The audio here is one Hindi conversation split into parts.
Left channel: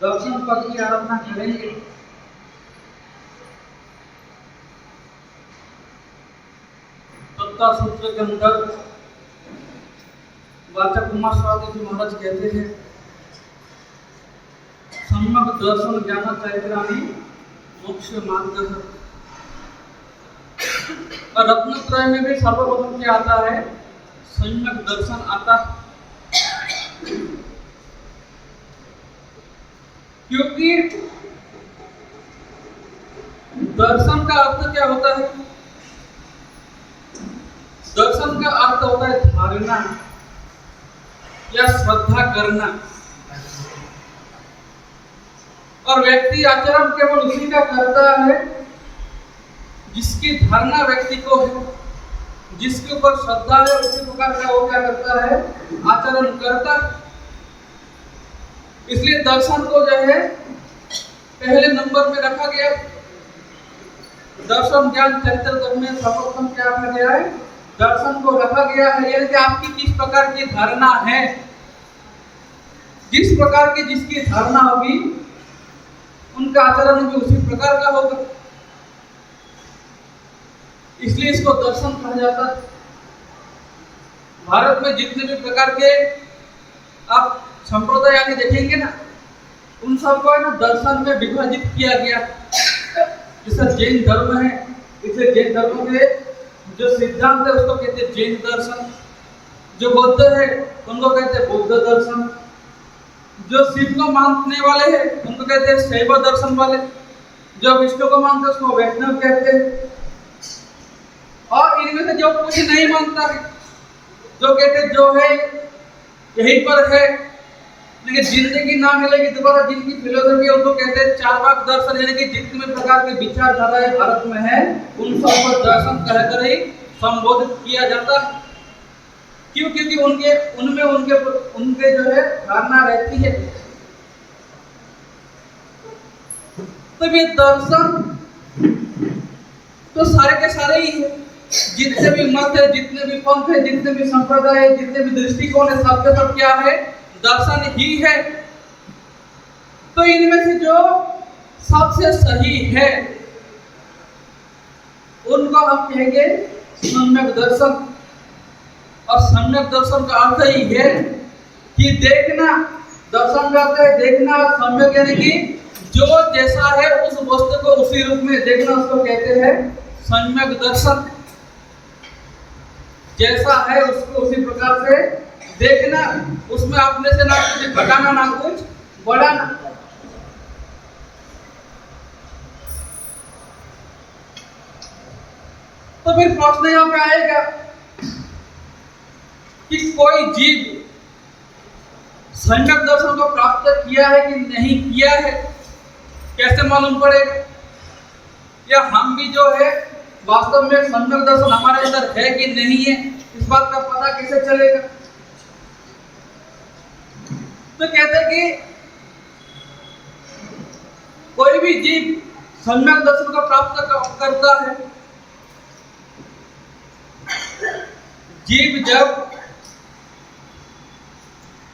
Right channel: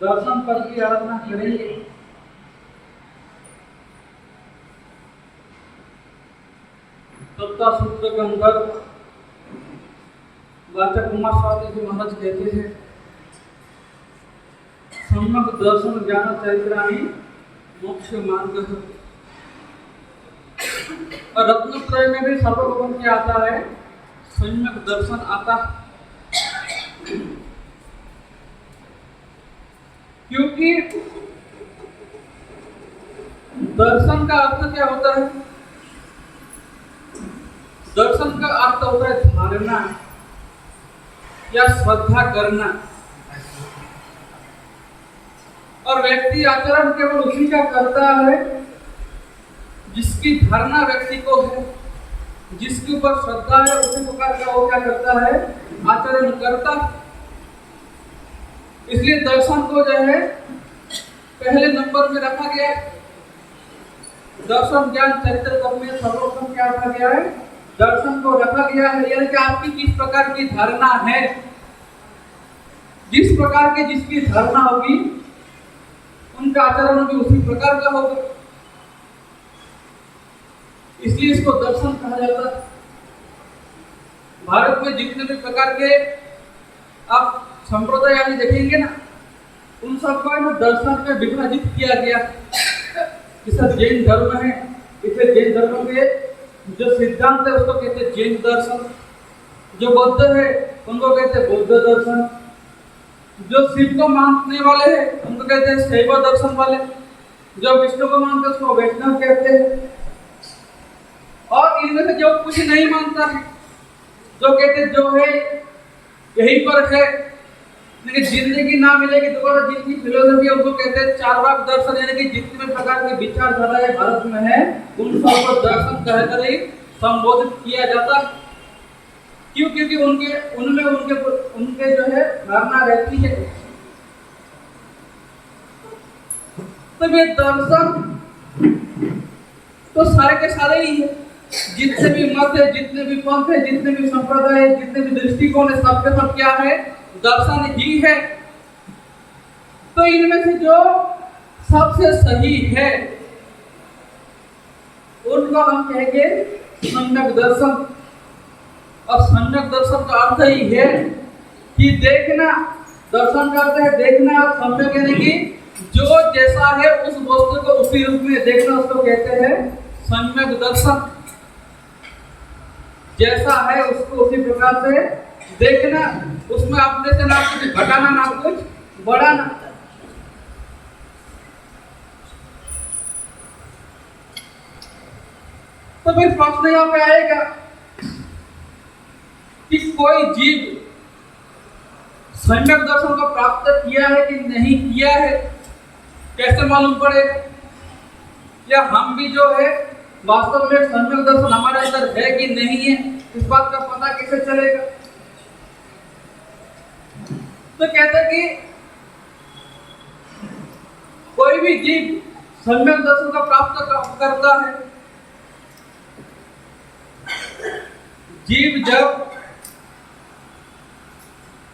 दर्शन पद की आराधना करेंगे। तत्व सूत्र के अंदर वाचक कुमार स्वामी जी महाराज कहते हैं, सम्यक दर्शन ज्ञान चैत्राणी मोक्ष मार्ग। और रत्नत्रय में भी सर्वप्रथम क्या आता है? सम्यक दर्शन आता है। क्योंकि दर्शन का अर्थ क्या होता है? दर्शन का अर्थ होता है धारणा या श्रद्धा करना, और व्यक्ति आचरण केवल उसी का करता है जिसकी धारणा व्यक्ति को है, जिसके ऊपर श्रद्धा है, उसी प्रकार का वो क्या करता है? आचरण करता है। इसलिए दर्शन को जो है पहले नंबर में रखा गया। दर्शन ज्ञान चरित्र में सर्वप्रथम क्या रखा गया है? दर्शन को रखा गया है। यानी कि आपकी किस प्रकार की धारणा है, जिस प्रकार की जिसकी धारणा होगी उनका आचरण भी उसी प्रकार का होगा। इसलिए इसको दर्शन कहा जाता है। भारत में जितने भी प्रकार के आप संप्रदाय आगे देखेंगे ना, उन सबको ना दर्शन में विभाजित किया गया। जैसे जैन धर्म है, इसलिए जैन धर्म के जो सिद्धांत है उसको कहते हैं जैन दर्शन। जो बौद्ध है उनको कहते हैं बौद्ध दर्शन। जो शिव को मानने वाले हैं उनको कहते हैं शैव दर्शन वाले। जो विष्णु को मानते हैं उसको वैष्णव कहते हैं। और इनमें से जो कुछ नहीं मानता है, जो कहते जो है यहीं पर है, लेकिन जिंदगी ना मिलेगी दोबारा, जिनकी फिलोसफी है उनको कहते हैं चार्वाक दर्शन। यानी कि जितने प्रकार के विचारधाराएं भारत में है उन सब को दर्शन कहकर ही संबोधित किया जाता है। क्यों? क्योंकि उनके जो है धारणा रहती है। तो ये दर्शन तो सारे के सारे ही है। जितने भी मत है, जितने भी पंथ है, जितने भी संप्रदाय है, जितने भी दृष्टिकोण है, सबके सब क्या है? दर्शन ही है। तो इनमें से जो सबसे सही है उनको हम कहेंगे सम्यक दर्शन। और सम्यक दर्शन का अर्थ ही है कि देखना। दर्शन का अर्थ है देखना। सम्यक यानी कि जो जैसा है उस वस्तु को उसी रूप में देखना, उसको कहते हैं सम्यक दर्शन। जैसा है उसको उसी प्रकार से देखना, उसमें अपने से ना कुछ घटाना ना कुछ बढ़ाना। तो फिर प्रश्न यहाँ पे आएगा कि कोई जीव सम्यक दर्शन को प्राप्त किया है कि नहीं किया है, कैसे मालूम पड़ेगा? या हम भी जो है वास्तव में सम्यक दर्शन हमारे अंदर है कि नहीं है, इस बात का पता कैसे चलेगा? तो कहते हैं कि कोई भी जीव सम्यक दर्शन को प्राप्त करता है। जीव जब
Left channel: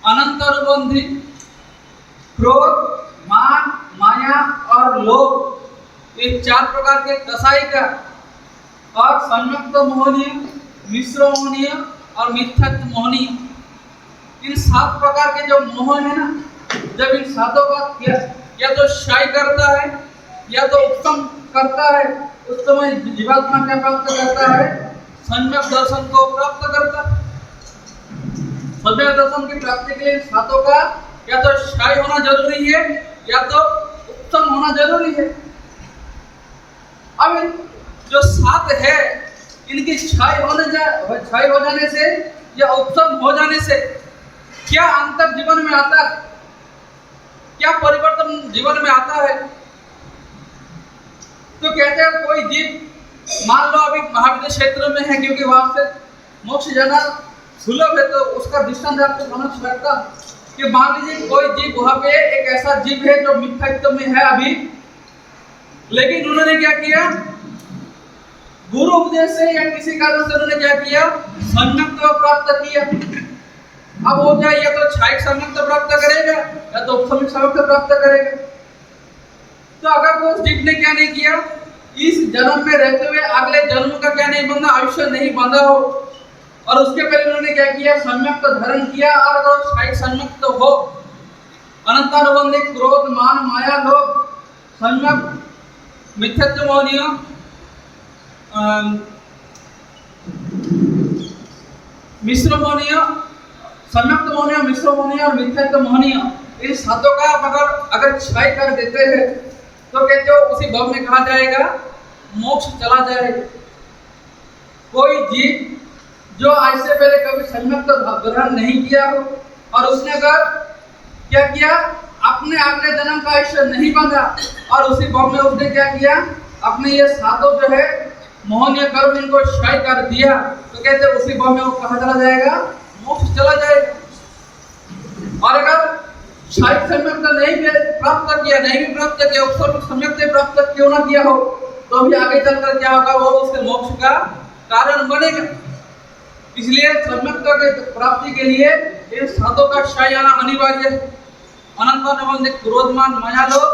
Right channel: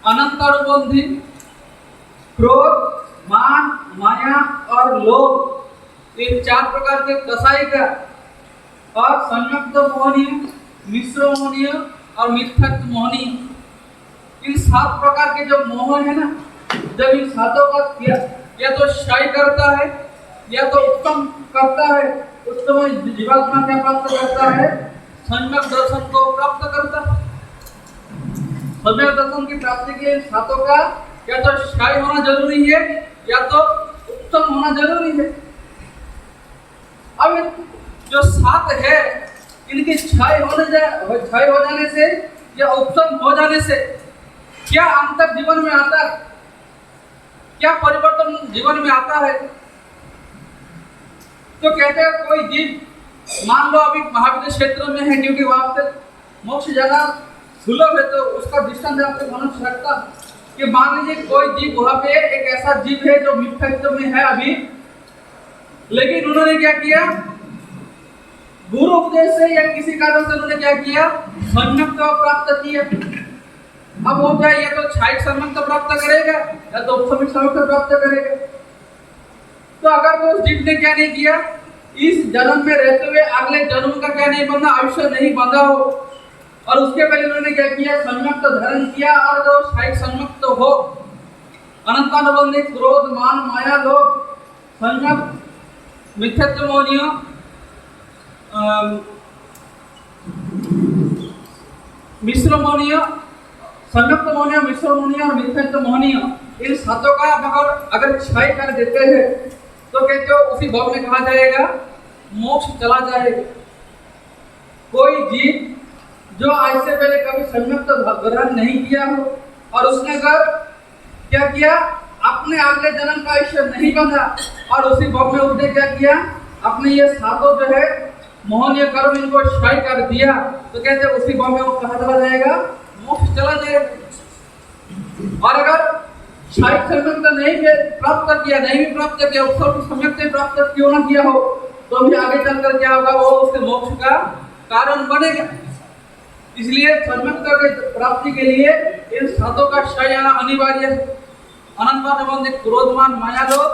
अनंत अनुबंधी क्रोध, मान, माया और लोभ, ये चार प्रकार के कसाई का, और संयुक्त मोहनीय, मिश्र मोहनीय और मिथ्यात्व मोहनीय, इन 7 प्रकार के जो मोह है ना, जब इन 7 का या तो क्षय करता है या तो उत्तम करता है, उस समय जीवात्मा क्या प्राप्त करता है? सम्यक दर्शन को प्राप्त करता है। सम्यक दर्शन की प्राप्ति के लिए 7 का या तो क्षय होना जरूरी है या तो उत्तम होना जरूरी है। अब जो 7 है इनकी क्षय हो जाने से या उत्तम हो जाने से क्या अंतर जीवन में आता है? क्या परिवर्तन जीवन में आता है? तो कहते हैं कोई जीव, मान लो अभी महाविद्य क्षेत्र में है, क्योंकि वहां से मोक्ष जाना सुलभ है, तो उसका दृष्टांत आपको समझ सकता कि मान लीजिए कोई जीव वहां पे एक ऐसा जीव है जो मिथ्यात्व में है अभी, लेकिन उन्होंने क्या किया? गुरु उपदेश से या किसी कारण से उन्होंने क्या किया? सम्यक्त्व प्राप्त किया। अब वो चाहे या तो क्षायिक सम्यक्त प्राप्त करेगा या तो उपसमिक सम्यक्त प्राप्त करेगा। तो अगर वो जीव ने क्या नहीं किया, इस जन्म में रहते हुए अगले जन्म का क्या नहीं बंधा, आयुष्य नहीं बंधा हो, और उसके पहले उन्होंने क्या किया, सम्यक्त धारण किया और वो क्षायिक सम्यक्त हो, अनंतानुबंधी क्रोध मान माया लोभ सम्यक्त मिथ्यात्व मोहनीय मिश्र मोहनीय, सम्यक्त मोहनीय, मिश्र मोहनीय और मिथ्यात्व मोहनीय, इन सातों का अगर क्षय कर देते हैं तो कहते हो उसी भव में कहा जाएगा मोक्ष चला जाएगा। कोई जीव जो आज से पहले कभी सम्यक्त ग्रहण नहीं किया हो और उसने अगर क्या किया, अपने अगले जन्म का आयुष्य नहीं बंधा और उसी भव में उसने क्या किया, अपने ये सातों जो है मोहनीय कर्म इनको क्षय कर दिया, तो कहते हैं उसी भव में वो कहा चला जाएगा, मोक्ष चला जाएगा। और अगर क्षायिक सम्यक्त नहीं प्राप्त किया, नहीं भी प्राप्त किया, उपसर्ग सम्यक्त प्राप्त क्यों ना किया हो, तो भी आगे चलकर क्या होगा, वो उसके मोक्ष का कारण बनेगा। इसलिए सम्यक्त के प्राप्ति के लिए इन सातों का क्षय आना अनिवार्य है। अनंतानुबंधी क्रोधमान माया लोभ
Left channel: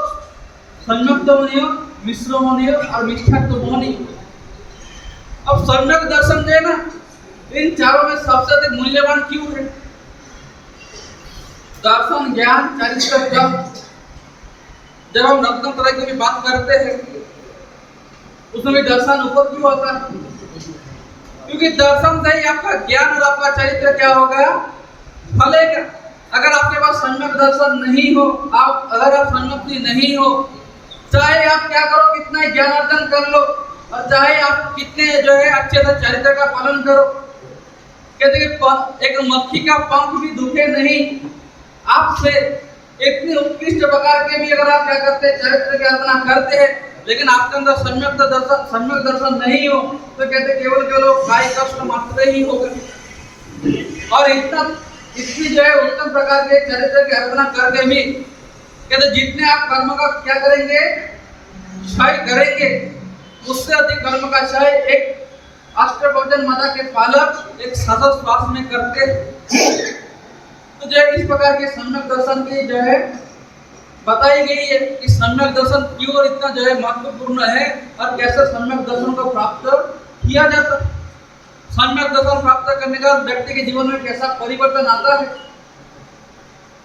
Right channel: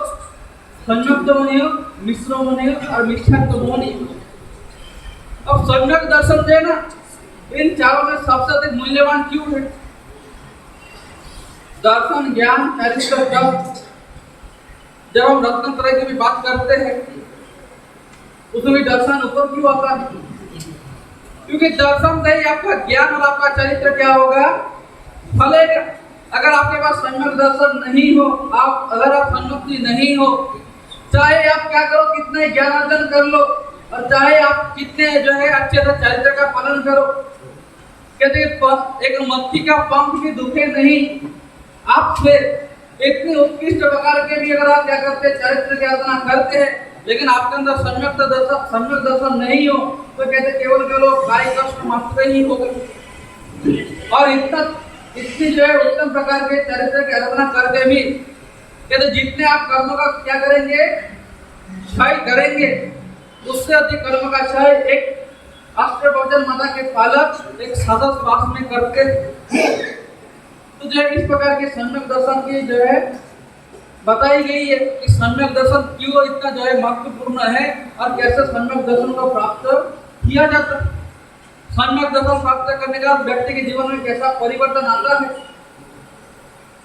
सम्यक्त मोहनीय, मिश्र मोहनीय और मिथ्यात्व मोहनीय। अब सम्यक दर्शन जो है ना, इन चारों में सबसे अधिक मूल्यवान क्यों है? दर्शन ज्ञान चरित्र जब हम रत्नत्रय की भी बात करते हैं उसमें भी दर्शन ऊपर क्यों आता है? क्योंकि दर्शन से ही आपका ज्ञान और आपका चरित्र क्या होगा, फलेगा। अगर आपके पास सम्यक दर्शन नहीं हो, अगर आप सम्यक्ति नहीं हो, चाहे आप क्या करो, कितना ज्ञान अर्जन कर लो और चाहे आप कितने जो है अच्छे से चरित्र का पालन करो, कहते हैं एक मक्खी का पंख भी दुखे नहीं, आपसे इतने उत्कृष्ट प्रकार के भी अगर आप क्या करते हैं, चरित्र की आराधना करते हैं, लेकिन आपके अंदर सम्यक दर्शन नहीं हो, तो कहते केवल काय कष्ट मात्र ही होगा। और इतनी जो है उत्तम प्रकार के चरित्र की आराधना करके भी कहते जितने आप कर्म का क्या करेंगे, क्षय करेंगे, उससे अधिक कर्म का क्षय एक अष्टभुजन माता के पालक एक सतत श्वास में करते। तो जो इस प्रकार के सम्यक दर्शन की जो है बताई गई है कि सम्यक दर्शन क्यों और इतना जो है महत्वपूर्ण है और कैसे सम्यक दर्शन को प्राप्त किया जाता है। सम्यक दर्शन प्राप्त करने का व्यक्ति के जीवन में कैसा परिवर्तन आता है,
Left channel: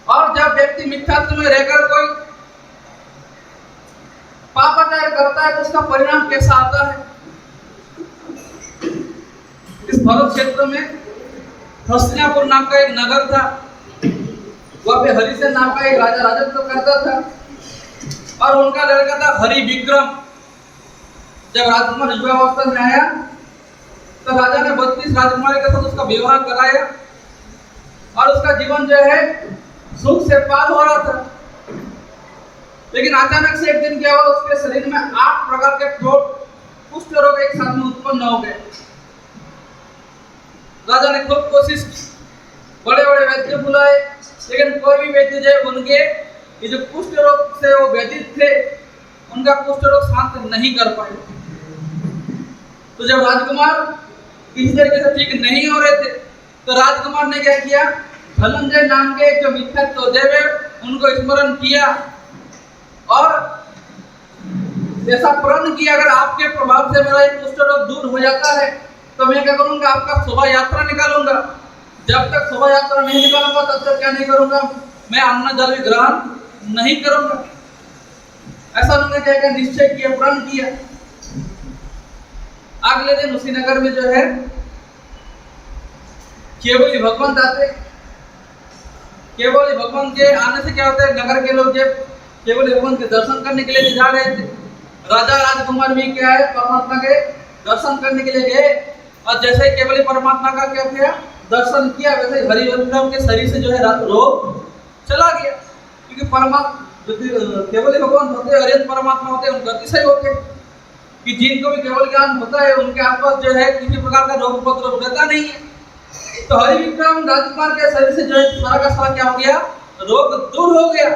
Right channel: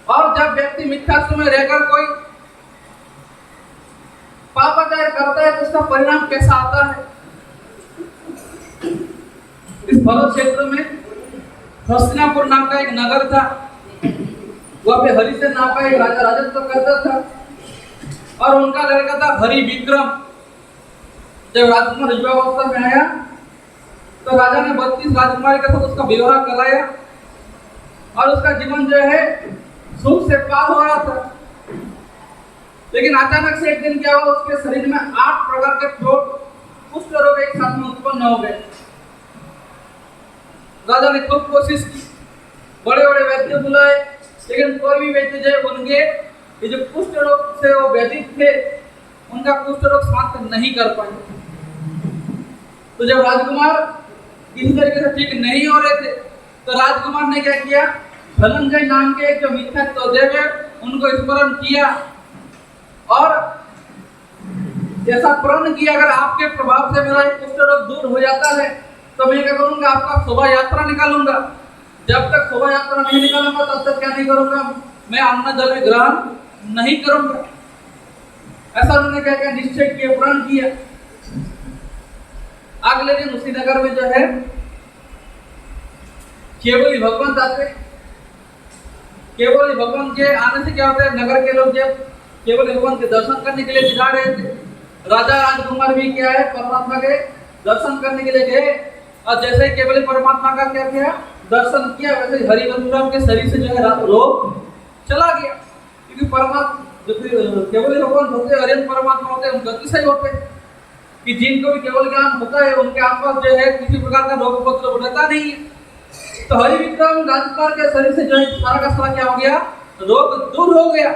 और जब व्यक्ति मिथ्यात्व में रहकर कोई पापाचार करता है तो उसका परिणाम कैसा आता है। इस भरत क्षेत्र में हस्तिनापुर नाम का एक नगर था, वहाँ पे हरिसेन नाम का एक राजा राजत्व करता था और उनका लड़का था हरि विक्रम। जब राजकुमार युवावस्था में आया तो राजा ने 32 राजकुमारी के साथ उसका विवाह कराया और उसका जीवन जो है सुख से पार हो रहा था। लेकिन अचानक से एक दिन क्या हुआ, उसके शरीर में 8 प्रकार के कुष्ठ रोग एक साथ में उत्पन्न हो गए। राजा ने खूब कोशिश की, बड़े बड़े वैद्य बुलाए, लेकिन कोई भी वैद्य जो उनके ये जो कुष्ठ रोग से वो व्यथित थे, उनका कुष्ठ रोग शांत नहीं कर पाए। तो जब राजकुमार किसी तरीके से ठीक नहीं हो रहे थे तो राजकुमार ने क्या किया, धनंजय नाम के जो मिथ्यात्व देव है उनको स्मरण किया और ऐसा प्रण किया, अगर आपके प्रभाव से मेरा ये कुष्ठ रोग दूर हो जाता है तो मैं क्या करूंगा, आपका शोभा यात्रा निकालूंगा। जब तक शोभा यात्रा नहीं निकालूंगा तब तक क्या नहीं करूंगा, मैं अन्न जल ग्रहण नहीं करूंगा। ऐसा उन्होंने क्या क्या निश्चय किया, प्रण किया। अगले दिन उसी नगर में जो है केवली भगवान आते। केवली भगवान के आने से क्या होता है, नगर के लोग जब केवली भगवान के दर्शन करने के लिए जा रहे थे, राजा राजकुमार भी क्या है परमात्मा के दर्शन करने के लिए गए और जैसे ही केवली परमात्मा का क्या किया, दर्शन किया, वैसे हरि विक्रम के शरीर से जो है रोग चला गया। क्योंकि परमात्मा केवली भगवान होते, हरियन परमात्मा होते, उनका अतिशय होते कि जिनको भी केवल ज्ञान होता है उनके आसपास जो है किसी प्रकार का रोग उपद्रव रहता नहीं है। तो हरि विक्रम राजकुमार के शरीर से जो है सारा का सारा क्या हो गया, रोग दूर हो गया।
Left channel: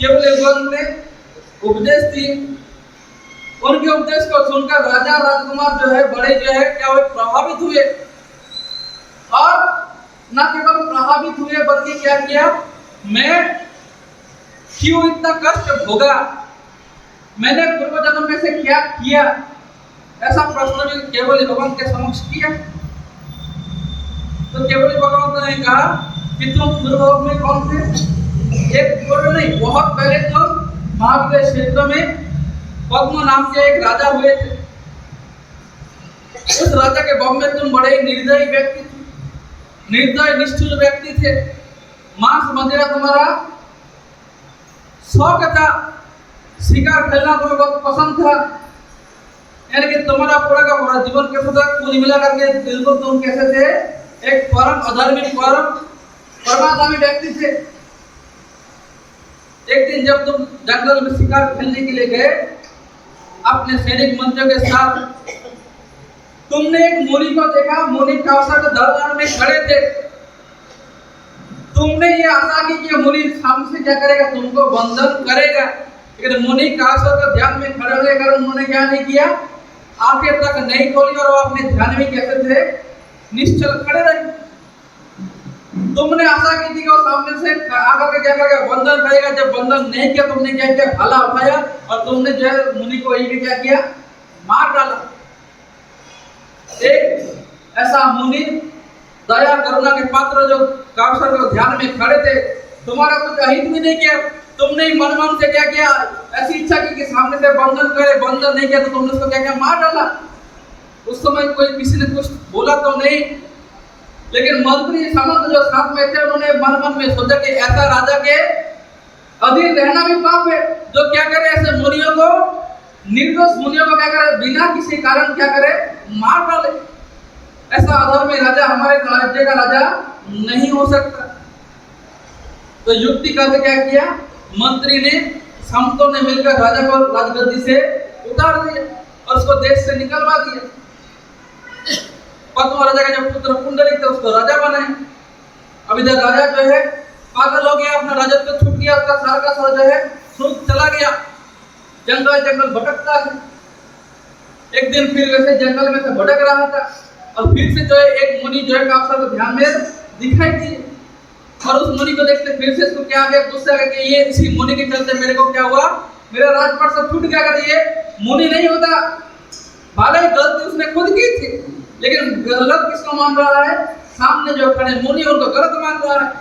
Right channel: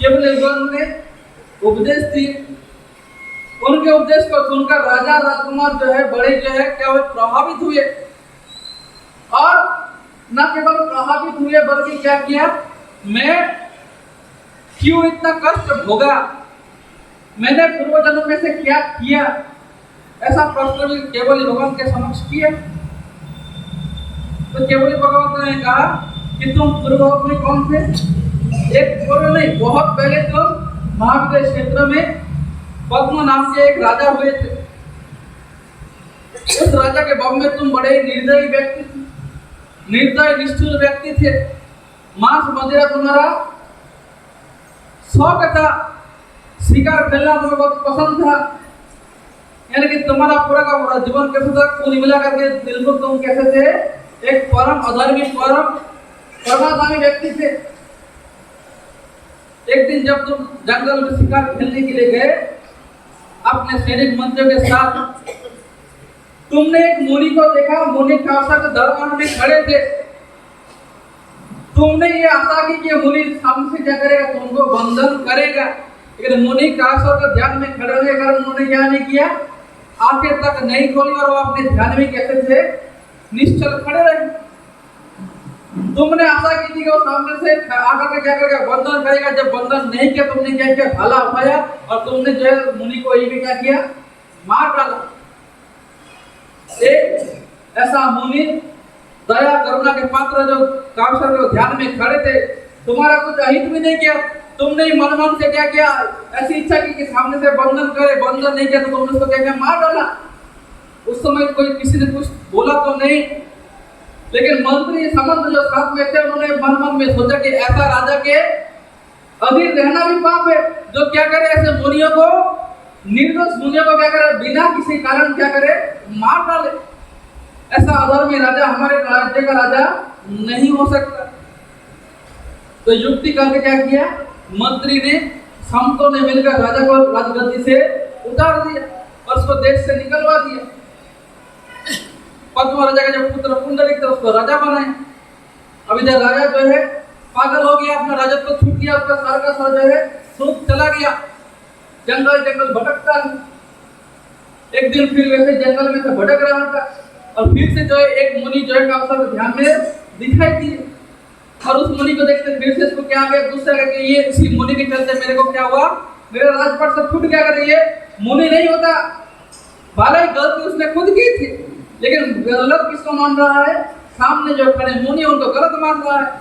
केवल भगवान ने उपदेश दिए, उनके उपदेश को सुनकर राजा राजकुमार जो है बड़े जो है क्या हुए, प्रभावित हुए और न केवल प्रभावित हुए बल्कि क्या किया, मैं क्यों इतना कष्ट भोगा, मैंने पूर्व जन्म में से क्या किया, ऐसा प्रश्न भी केवल भगवान के समक्ष किया। तो केवल भगवान ने कहा कि तुम पूर्व में कौन थे, एक पूर्व नहीं, बहुत पहले तुम महाविद्य क्षेत्र में पद्म नाम के एक राजा हुए थे। उस राजा के बम में तुम बड़े निर्दयी व्यक्ति थे, निर्दय निष्ठुर व्यक्ति थे। मांस मदिरा तुम्हारा शौक था, शिकार खेलना तुम्हें बहुत पसंद था। यानी कि तुम्हारा पूरा का पूरा जीवन कैसे था, कुल मिला करके बिल्कुल तुम कैसे थे, एक परम अधर्मी परमाधामी व्यक्ति थे। एक दिन जब तुम जंगल में शिकार खेलने के लिए गए अपने सैनिक मंत्रियों के साथ, तुमने एक मुनि को देखा, मुनि कासा के दरबार में खड़े थे। तुमने ये आशा की कि मुनि सामने से क्या करेगा, तुमको बंधन करेगा, लेकिन मुनि कासा के ध्यान में खड़े होने के कारण उन्होंने क्या नहीं किया, आंखें तक नहीं खोली और वो अपने ध्यान में कैसे थे, निश्चल खड़े रहे। तुमने आशा की थी कि वो सामने से आकर के क्या करेगा, बंधन करेगा। जब बंधन नहीं किया, तुमने क्या किया, भाला उठाया और तुमने जो है मुनि को यही क्या किया, मार डाला। एक ऐसा मुनि दया करुणा के पात्र जो काउसर के ध्यान में खड़े थे, तुम्हारा कुछ अहित भी नहीं किया, तुमने मन मन से क्या किया, ऐसी इच्छा की कि सामने से बंधन करे, बंधन नहीं किया तो तुमने उसको क्या किया, मार डाला। उस समय कोई किसी ने कुछ बोला तो नहीं, लेकिन मंत्री समस्त जो साथ में थे उन्होंने मन मन में सोचा कि ऐसा राजा के अधीन रहना भी पाप है, जो क्या करे, ऐसे मुनियों को, निर्दोष मुनियों को क्या करे, बिना किसी कारण क्या करे, मार डाले। ऐसा अधर्मी राजा हमारे राज्य का राजा नहीं हो सकता। तो युक्ति करके क्या किया, मंत्री ने, संतों ने मिलकर राजा को राजगद्दी से उतार दिया और उसको देश से निकलवा दिया। पद्म राजा का जो पुत्र पुंडलिक थे उसको राजा बनाए। अब इधर राजा जो है पागल हो गया, अपना राजत्व को छूट गया, उसका सारा का सारा जो है सूख चला गया, जंगल जंगल भटकता है। एक दिन फिर वैसे जंगल में से भटक रहा था और फिर से जो है एक मुनि जो है काउसर के ध्यान में दिखाई दिए और उस मुनि को देखते फिर से इसको क्या आ गया, गुस्सा आ गया कि ये इसी मुनि के चलते मेरे को क्या हुआ, मेरा राजपाट सब छूट गया। कहते ये मुनि नहीं होता, भले ही गलती उसने खुद की थी, लेकिन गलत किसको मान रहा है, सामने जो खड़े मुनि उनको गलत मान रहा है।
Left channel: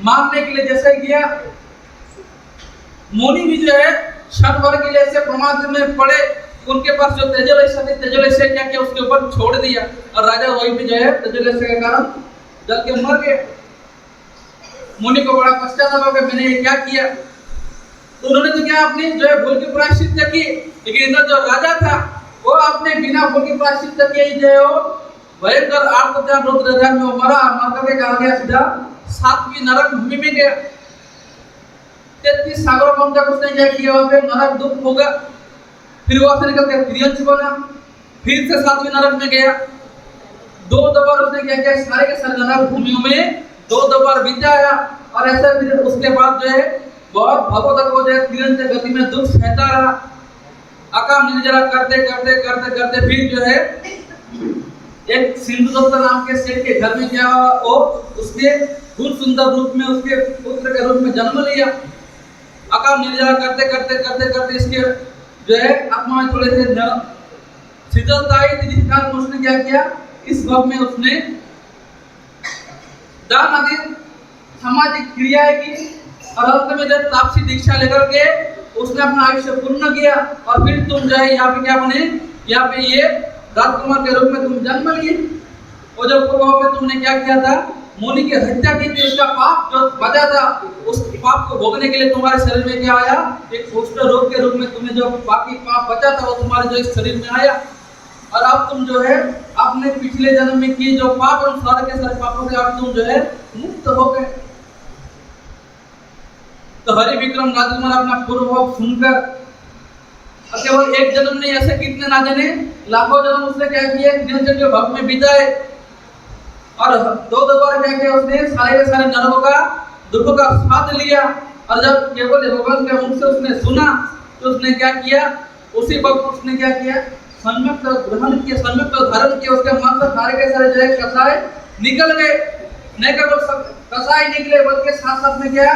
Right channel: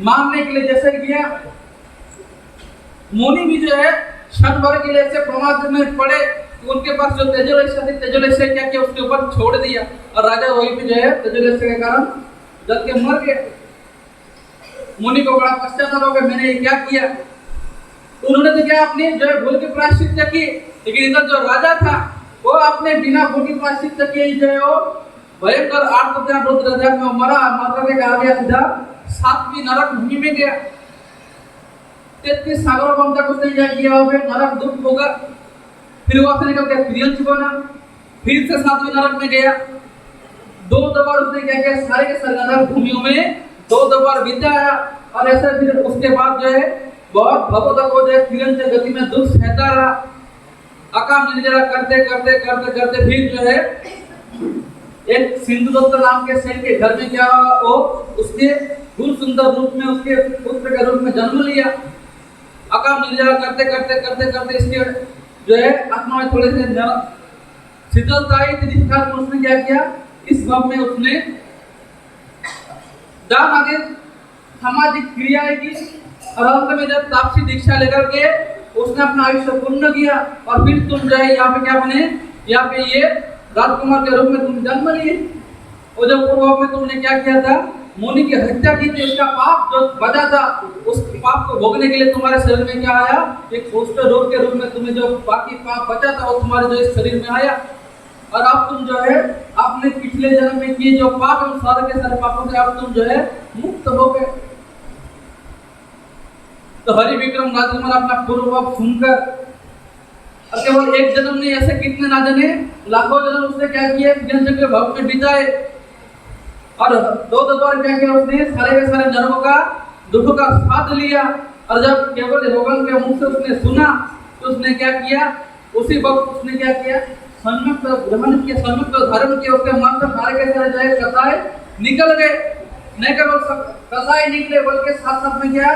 मारने के लिए जैसे किया, मुनि भी जो है क्षण भर के लिए ऐसे प्रमाद में पड़े, उनके पास जो तेजोलेश क्या किया, उसके ऊपर छोड़ दिया और राजा वही भी जो है तेजोलेश के कारण जल के मर गए। मुनि को बड़ा पश्चाताप हो गया, मैंने ये क्या किया। तो उन्होंने तो क्या अपनी जो है भूल की प्रायश्चित की, लेकिन इधर जो राजा था वो अपने बिना भूल की प्रायश्चित किए ही जो है वो भयंकर आर्तध्यान रुद्र ध्यान में मरा, मर करके कहा गया सीधा 7वीं नरक भूमि में गया। 33 सागरों को तक उसने क्या किया, वहां पे नरक दुख होगा। फिर वहां से निकल के त्रियंश बना, फिर से 7वीं नरक में गया। 2 बार उसने क्या किया, सारे के सारे नरक भूमियों में 2 बार बिताया और ऐसा फिर उसके बाद जो है बहुत भगवत को जो है त्रियंश गति में दुख सहता रहा। अकाम निर्जरा करते करते करते करते फिर जो है एक सिंधुदत्त नाम के सेठ के घर में क्या हुआ, वो उसके दूर सुंदर रूप में उसके पुत्र के रूप में जन्म लिया। अकाम निर्जरा करते करते करते करते इसके जो है आत्मा में थोड़े से शीतलता आई थी, जिस कारण उसने क्या किया, इस भाव में उसने दान आदि सामाजिक क्रियाएं की और अंत में जब तापसी दीक्षा लेकर के उसने अपना आयुष्य पूर्ण किया। और फिर तुम जो है यहाँ पे क्या बने, यहाँ पे ये राजकुमार के रूप में तुम जन्म लिए। और जब पूर्व में तुमने क्या किया था, मुनि की हत्या की थी, उसका पाप जो बचा था उस पाप को भोगने के लिए तुम्हारे शरीर में क्या आया, एक कुष्ठ रोग के रूप में तुम्हें जो बाकी पाप बचा था वो तुम्हारे जो इस शरीर में आया। और अब तुम जो है अपने पिछले जन्म में किए जो पाप है उन सारे के सारे पापों से अब तुम जो है मुक्त हो गए। तो हरि विक्रम राजकुमार अपना पूर्व सुनकर, और केवल एक जन्म नहीं, ऐसे कितने ना जाने लाखों जन्म उसने क्या किया, जन के भक्त में बिताए और 2 बार क्या किया, उसने सारे के सारे नरकों का दुख का स्वाद लिया। और जब केवल भगवान के मुख से उसने सुना तो उसने क्या किया, उसी वक्त उसने क्या किया, सम्यक ग्रहण किया, सम्यक धारण किया। उसके मन से सारे के सारे जो है कसाय निकल गए नहीं केवल कसाई निकले बल्कि साथ साथ में क्या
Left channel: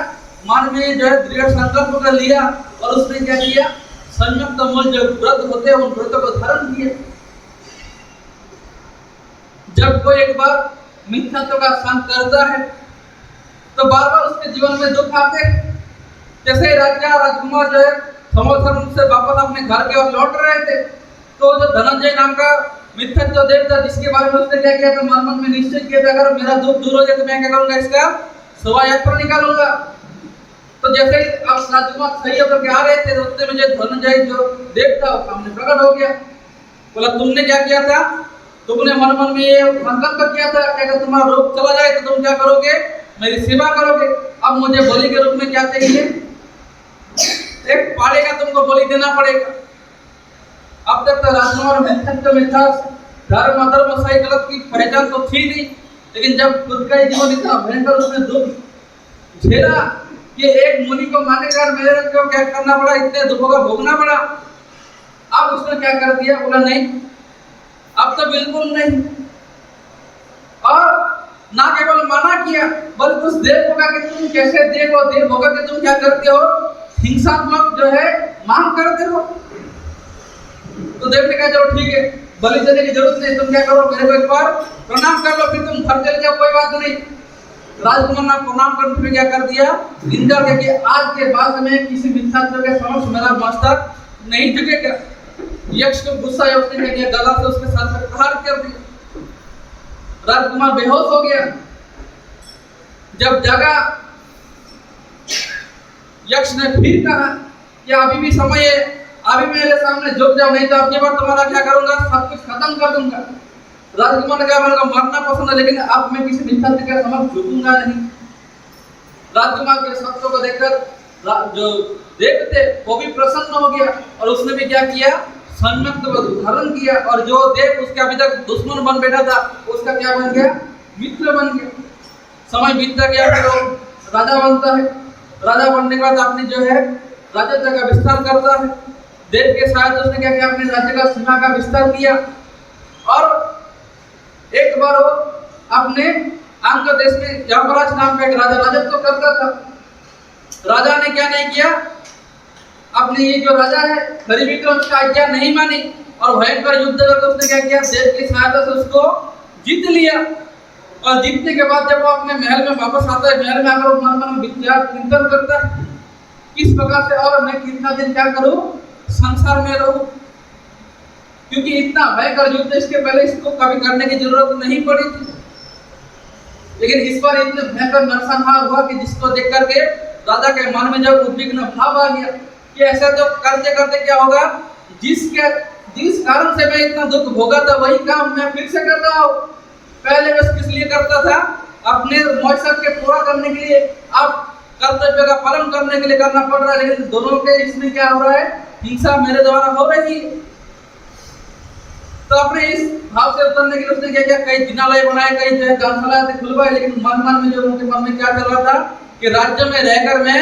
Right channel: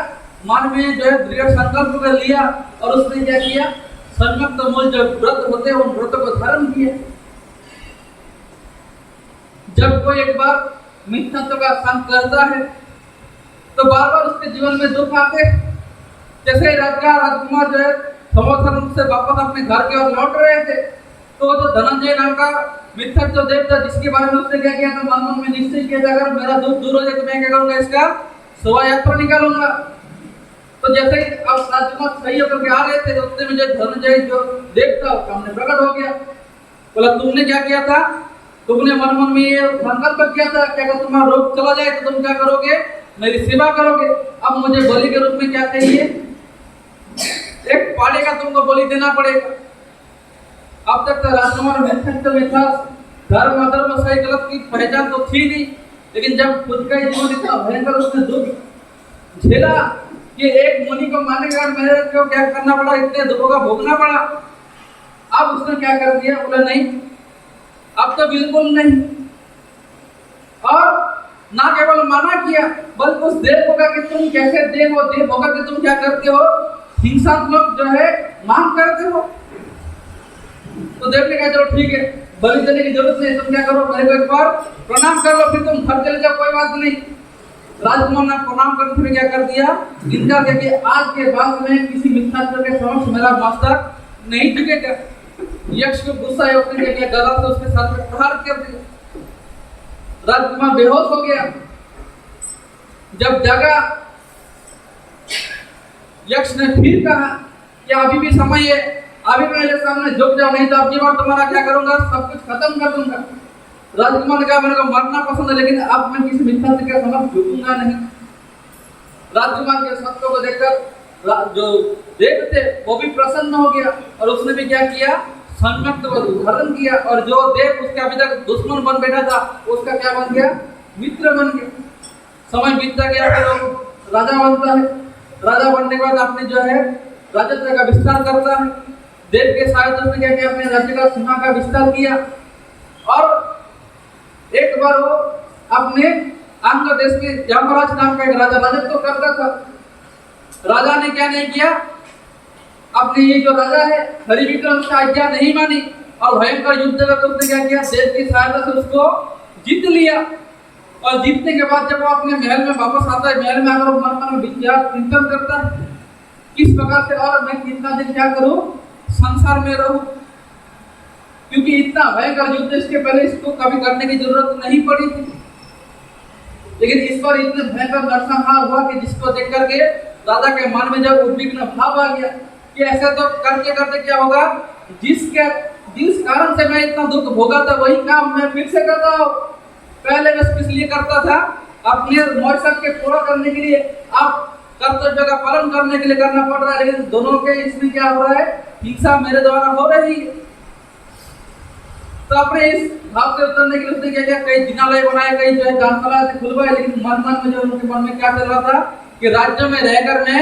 मन में जो है दृढ़ संकल्प कर लिया और उसने क्या किया, संयुक्त मूल जो व्रत होते हैं उन व्रतों को धारण किया। जब कोई एक बार मिथ्यात्व का संग करता है तो बार बार उसके जीवन में दुख आते हैं। जैसे राजा राजकुमार जो है समोधर्म से वापस अपने घर की ओर लौट रहे थे तो जो धनंजय नाम का मिथ्यात्व देवता जिसके बारे में उसने क्या किया था, मन में निश्चय किया था अगर मेरा दुख दूर हो जाए तो मैं क्या करूंगा, इसका शोभा यात्रा निकालूंगा। तो जैसे अब राजकुमार सही होकर के आ रहे थे तो उतने में जो धनंजय जो देवता सामने प्रकट हो गया। बोला तुमने क्या किया था, तुमने मन में ये संकल्प किया था कि अगर तुम्हारा रोग चला जाए तो तुम क्या करोगे, मेरी सेवा करोगे। अब मुझे बलि के रूप में क्या चाहिए, एक पाले का तुमको बलि देना पड़ेगा। अब तक तो राजकुमार मिथ्यात्व में था, धर्म अधर्म सही गलत की पहचान तो थी नहीं, लेकिन जब खुद का जीवन इतना भयंकर उसने दुख झेला कि एक मुनि को मारने के बाद मेरे को क्या करना पड़ा, इतने दुखों का भोगना पड़ा। अब उसने क्या कर दिया, बोला नहीं अब तो बिल्कुल नहीं। और ना केवल मना किया बल्कि उस देव होगा कि तुम कैसे देव हो, देव होगा कि तुम क्या करते हो, हिंसात्मक जो है मांग करते हो। तो देव ने कहा चलो ठीक है, बलि देने की जरूरत नहीं, तुम क्या करो मेरे को एक बार प्रणाम कर लो फिर तुम घर चले जाओ, कोई बात नहीं। राजकुमार ने प्रणाम करते हुए क्या कर दिया, इंकार किया कि आज के बाद में किसी मिथ्यात्व के समक्ष मेरा मस्तक नहीं झुकेगा। यक्ष को गुस्सा है, उसने क्या किया, गदा से उसके सर पे प्रहार कर दिया। राजकुमार बेहोश हो गया। जब जगा यक्ष ने फिर कहा कि अभी भी समय है, अभी मेरे सामने झुक जाओ नहीं तो अगली बार तुम्हारा क्या करूंगा, सब कुछ खत्म कर दूंगा। राजकुमार ने कहा मेरे को मरना पसंद है लेकिन अब मैं किसी मिथ्यात्व के समक्ष झुकूंगा नहीं। राजकुमार के सत्य को देखकर जो देव थे वो भी प्रसन्न हो गया और उसने भी क्या किया, संयुक्त धारण किया और जो देव उसका अभी तक दुश्मन बन बैठा था उसका क्या बन गया, मित्र बन गया। समय बीतता गया तो राजा बनता है। राजा बनने के बाद अपने जो है राजत्व का विस्तार करता है। देव के साथ उसने क्या किया, अपने राज्य का सीमा का विस्तार किया और एक बार वो अपने अंग देश में यमराज नाम का एक राजा राजत्व करता था। राजा ने क्या नहीं किया, अपने ये जो राजा है हरिविक्रम उसका आज्ञा नहीं मानी और भयंकर युद्ध करके उसने क्या किया, देव की सहायता से उसको जीत लिया। और जीतने के बाद जब वो अपने महल में वापस आता है, महल में आकर मन मन विचार चिंतन करता है किस प्रकार से और मैं कितना दिन क्या करूं, संसार में रहूं, क्योंकि इतना भयंकर युद्ध इसके पहले इसको कभी करने की जरूरत नहीं पड़ी थी। लेकिन इस बार इतने भयंकर नरसंहार हुआ कि जिसको देख करके राजा के मन में जब उद्विग्न भाव आ गया कि ऐसा तो करते करते क्या होगा, जिस कारण से मैं इतना दुख भोगा था वही काम मैं फिर से कर रहा हूँ। पहले मैं किस लिए करता था, अपने मौसम के पूरा करने के लिए, अब कर्तव्य का पालन करने के लिए करना पड़ रहा है, लेकिन दोनों के इसमें क्या हो रहा है, हिंसा मेरे द्वारा हो रही है। तो अपने इस भाव से उतरने के लिए उसने क्या किया, कई जिनालय बनाए, कई जो है दानशाला से खुलवाए, लेकिन मन में जो उनके मन में क्या चल रहा था कि राज्य में रहकर मैं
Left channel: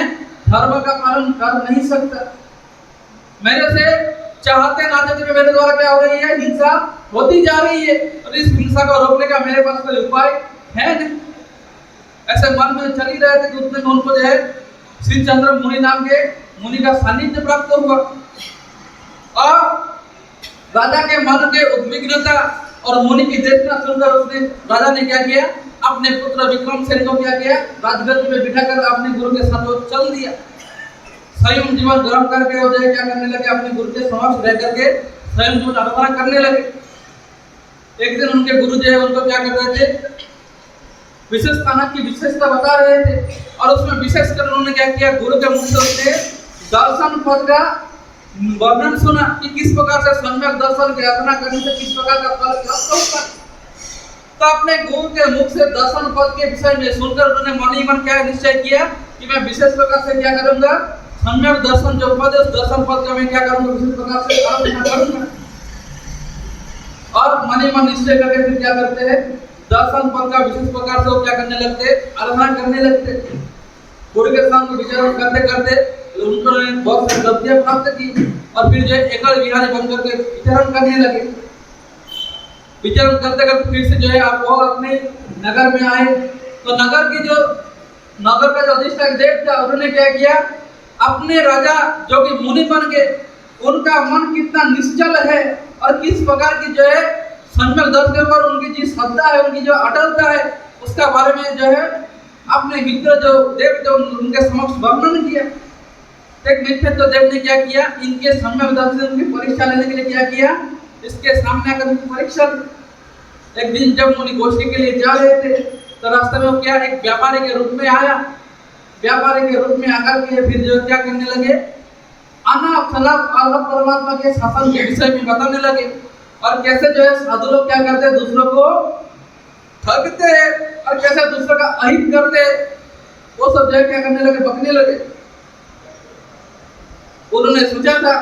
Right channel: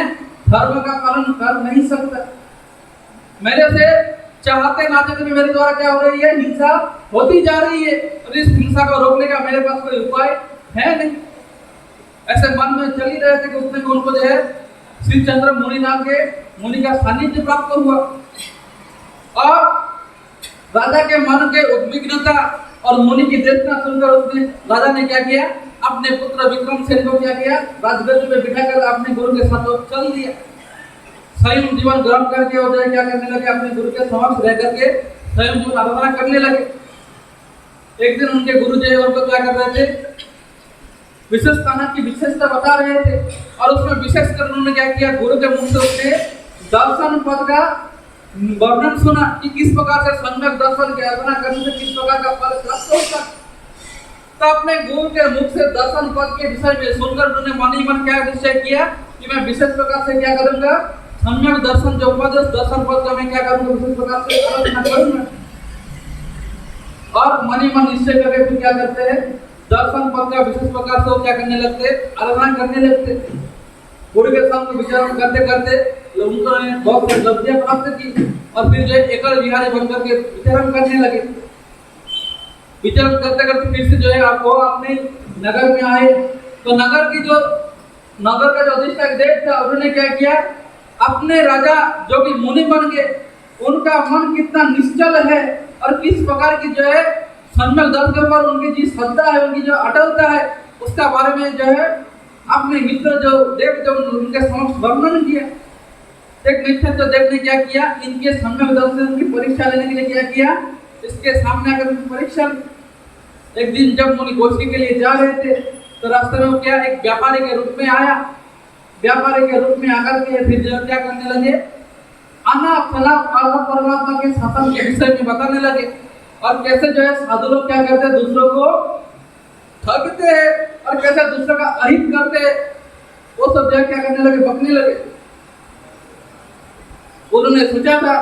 धर्म का पालन कर नहीं सकता। मेरे से चाहते ना चाहते मेरे द्वारा क्या हो रही है, हिंसा होती जा रही है और इस हिंसा को रोकने का मेरे पास कोई उपाय है नहीं। ऐसे मन में चल ही रहे थे कि उतने उनको जो है श्री चंद्र मुनि नाम के मुनि का सानिध्य प्राप्त हुआ और राजा के मन के उद्विग्नता और मुनि की देशना सुनकर उसने राजा ने क्या किया, अपने पुत्र विक्रमसेन को क्या किया, राजगद्दी पे बिठाकर अपने गुरु के साथ चल दिया। स्वयं जीवन ग्रहण करके हो जाए क्या करने लगे, अपने गुरु के समक्ष रह करके स्वयं जीवन आराधना करने लगे। एक दिन उनके गुरु जो है उनको क्या कर रहे थे, विशेष स्थानक की विशेषता बता रहे थे और उसमें विशेष कर उन्होंने क्या किया, गुरु के मुख से उसने दर्शन पद का वर्णन सुना कि किस प्रकार से सम्यक दर्शन की आराधना करने से किस प्रकार का फल प्राप्त होता। तो अपने गुरु के मुख से दर्शन पद के विषय में सुनकर उन्होंने मन ही मन क्या निश्चय किया कि मैं विशेष प्रकार से क्या करूंगा, सम्यक दर्शन जो पद है उस दर्शन पद का मैं क्या करूंगा, विशेष प्रकार से आराधना करूंगा। और मन ही मन निश्चय करके फिर क्या करते हैं, दर्शन पद का विशेष प्रकार से वो क्या करने लगते, आराधना करने लगते। गुरु के साथ विचार करते करते उन्होंने बहुत सारी गलतियां प्राप्त की और फिर जो एकल विहारी बन करके विचरण करने लगे। विचरण करते करते फिर से जो है आप वो अपने नगर में आए तो नगर का जो अधिष्ठाता देव था, उन्होंने क्या किया, अपने राजा जो कि मुनि बन के, उनका मन कितना निश्चल है और किस प्रकार की जो है सम्यक दर्शन पर उनकी जी श्रद्धा है, उनकी जो अटलता है, उसका बारे में जो है अपने मित्र जो देव जो उनके समक्ष वर्णन किया। एक मित्र तो देव ने क्या किया, इनके सम्यक दर्शन की परीक्षा लेने के लिए क्या किया, इसके सामने आकर परीक्षा। एक दिन जब मुनि गोष्ठी के लिए जा रहे थे, तो रास्ते में वो क्या एक व्यापारी के रूप में आया। व्यापारी के रूप में आकर के फिर जो क्या करने लगे, अनाप शनाप अल्लाह परमात्मा के शासन के विषय में बताने लगे, और कैसे जो है साधु लोग क्या करते हैं, दूसरों को ठगते हैं और कैसे दूसरों का अहित करते हैं, वो सब जो है क्या करने लगे, बकने लगे। उन्होंने सोचा था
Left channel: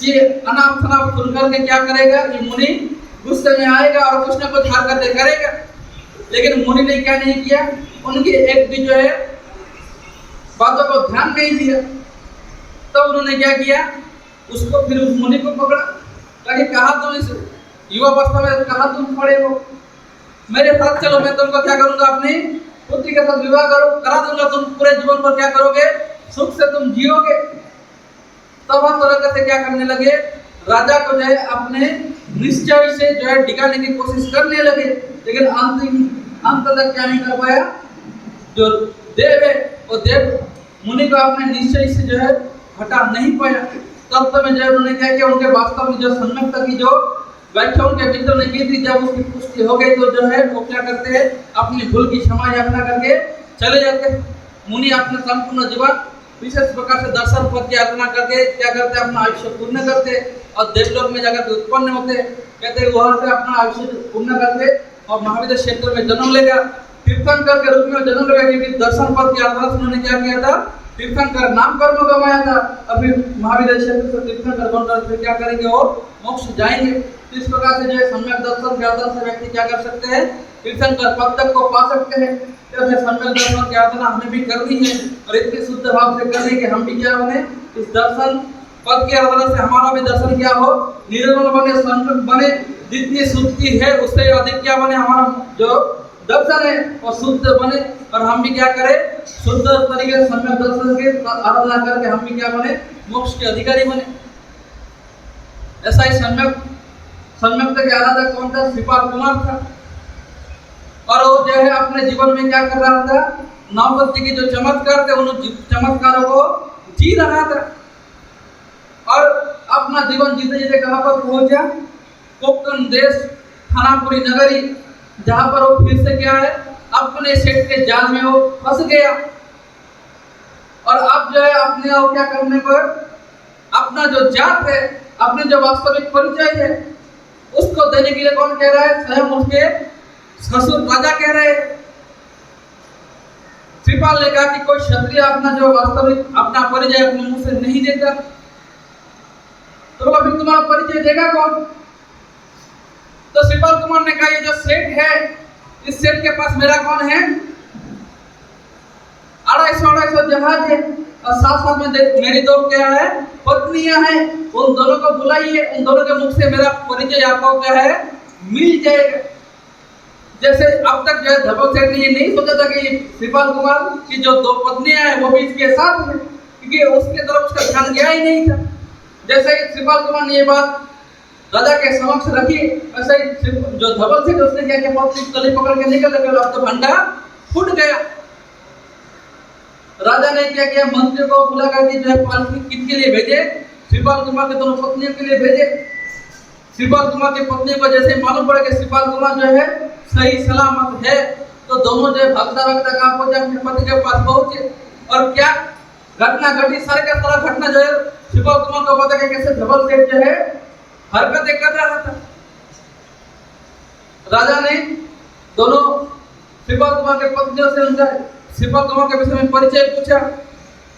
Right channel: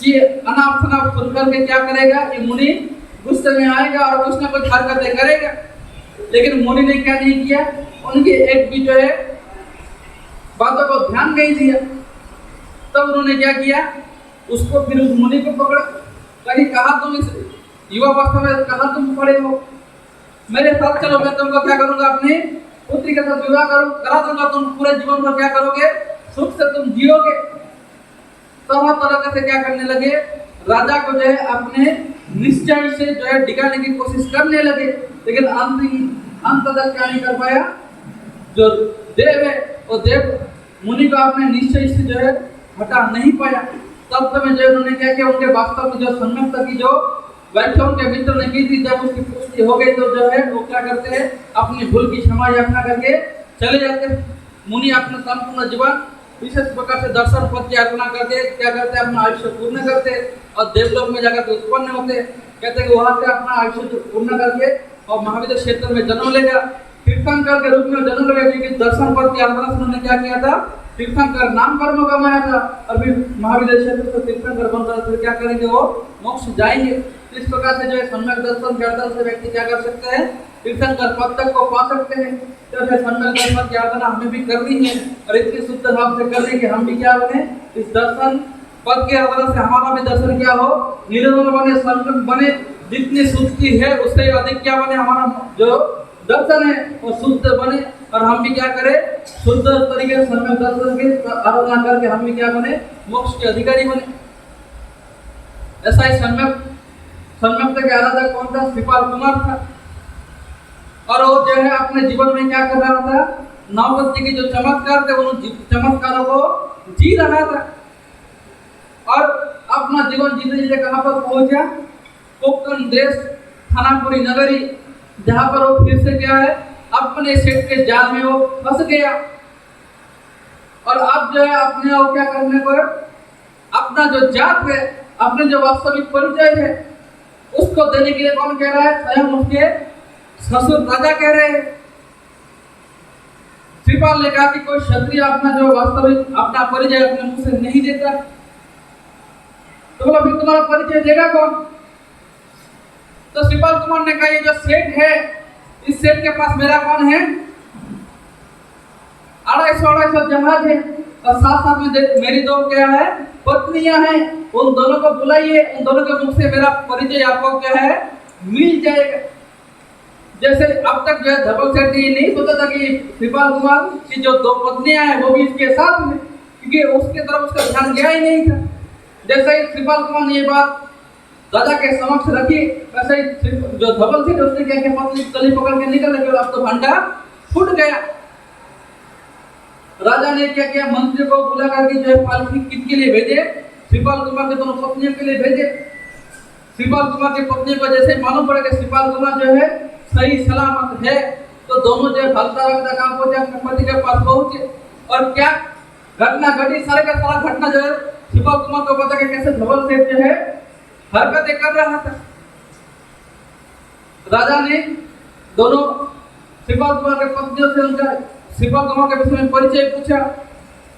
कि अनाप शनाप सुनकर के क्या करेगा, ये मुनि गुस्से में आएगा और कुछ न कुछ हरकतें करेगा, लेकिन मुनि ने क्या नहीं किया, उनकी एक भी जो है बातों को ध्यान नहीं दिया। तब उन्होंने क्या किया, उसको फिर उस मुनि को पकड़ा, ताकि कहा तुम इस युवावस्था में कहा तुम पड़े हो, मेरे साथ चलो, मैं तुमको क्या करूंगा, अपनी पुत्री के साथ विवाह करा दूंगा, तुम पूरे जीवन पर क्या करोगे, सुख से तुम जियोगे। तब हर तरह से क्या करने लगे, राजा को जो है अपने निश्चय से जो है डिगाने की कोशिश करने लगे, लेकिन अंत तक क्या नहीं कर पाया। जो देव है वो देव मुनि को अपने निश्चय से जो है हटा नहीं पाया। तब समय जो उन्होंने क्या किया, उनके वास्तव में जो सम्यकता की जो व्याख्या उनके मित्र ने की थी, जब उसकी पुष्टि हो गई तो जो है वो क्या करते हैं, अपनी भूल की क्षमा याचना करके चले जाते हैं। मुनि अपने संपूर्ण जीवन विशेष प्रकार से दर्शन पद की अर्पणा करके क्या करते हैं, अपना आयुष्य पूर्ण करते और देवलोक में जाकर उत्पन्न होते। कहते हैं वहां से अपना आयुष्य पूर्ण करके और महाविद्य क्षेत्र में जन्म लेगा, तीर्थंकर के रूप में जन्म लेगा, क्योंकि दर्शन पद के आधार से उन्होंने क्या किया था, तीर्थंकर नाम कर्म गवाया था। अभी महाविद्य क्षेत्र से तीर्थंकर बनकर फिर क्या करेंगे, और मोक्ष जाएंगे। इस प्रकार से जो है सम्यक दर्शन के आधार से व्यक्ति क्या कर सकते हैं, तीर्थंकर पद तक को पा सकते हैं। जैसे सम्यक दर्शन की आराधना हमें भी करनी है और इतने शुद्ध भाव से करने कि हम भी क्या बने, इस दर्शन पद की आराधना से हमारा भी दर्शन क्या हो, निर्मल बने, संतुष्ट बने। जितनी शुद्धि है उससे अधिक क्या बने, हमारा जो दर्शन है वो शुद्ध बने और हम भी क्या करें, शुद्ध तरीके से सम्यक दर्शन की आराधना करके हम भी क्या बने, मोक्ष के अधिकारी बने। ऐसा ही सम्यक के आराधक कौन था, श्रीपाल कुमार था, और वो जो है अपने जीवन में क्या कर रहा था, नवपति की जो चमत्कार थे उन चमत्कारों को जी रहा था और अपना जीवन जीते जीते कहां पर पहुंचा, कोंकण देश थानापुरी नगरी, जहां पर वो फिर से क्या है, अपने सेठ के जाल में वो फंस गया। और अब जो है अपने और क्या करने पर अपना जो जात है, अपने जो वास्तविक परिचय है, उसको देने के लिए कौन कह रहा है, स्वयं उसके ससुर राजा कह रहे हैं। श्रीपाल ने कहा कि कोई क्षत्रिय अपना जो वास्तविक अपना परिचय अपने मुंह से नहीं देता, तो बोला फिर तुम्हारा परिचय देगा कौन। तो श्रीपाल कुमार ने कहा ये जो सेठ है, इस सेठ के पास मेरा कौन है, 250 जहाज है और साथ साथ में मेरी दो क्या है, पत्नियां हैं, उन दोनों को बुलाइए, उन दोनों के मुख से मेरा परिचय आपको क्या है, मिल जाएगा। जैसे अब तक जो है धवल सेठ ने ये नहीं सोचा था कि श्रीपाल कुमार की जो दो पत्नियां हैं वो भी इसके साथ हैं, क्योंकि उसके तरफ उसका ध्यान गया ही नहीं था। जैसे ही श्रीपाल कुमार ने ये बात राजा के समक्ष रखी, वैसे ही जो धवल सेठ उसने क्या किया, पत्नी गली पकड़ के निकल गए, अब तो भंडा फूट गया। राजा ने क्या किया, मंत्री को बुला करके जो है पालकी किसके लिए भेजे, श्रीपाल कुमार के दोनों पत्नियों के लिए भेजे। श्रीपाल कुमार की पत्नी को जैसे मालूम पड़ा कि श्रीपाल कुमार जो है सही सलामत है, तो दोनों जो है भागता भागता कहाँ पहुंचे, अपने पति के पास पहुंचे। और क्या घटना घटी, सारे का सारा घटना जो है श्रीपाल कुमार को पता कि कैसे धवल सेठ जो है हरकतें कर रहा था। राजा ने दोनों श्रीपाल कुमार के पत्नियों से उनका श्रीपाल कुमार के विषय में परिचय पूछा।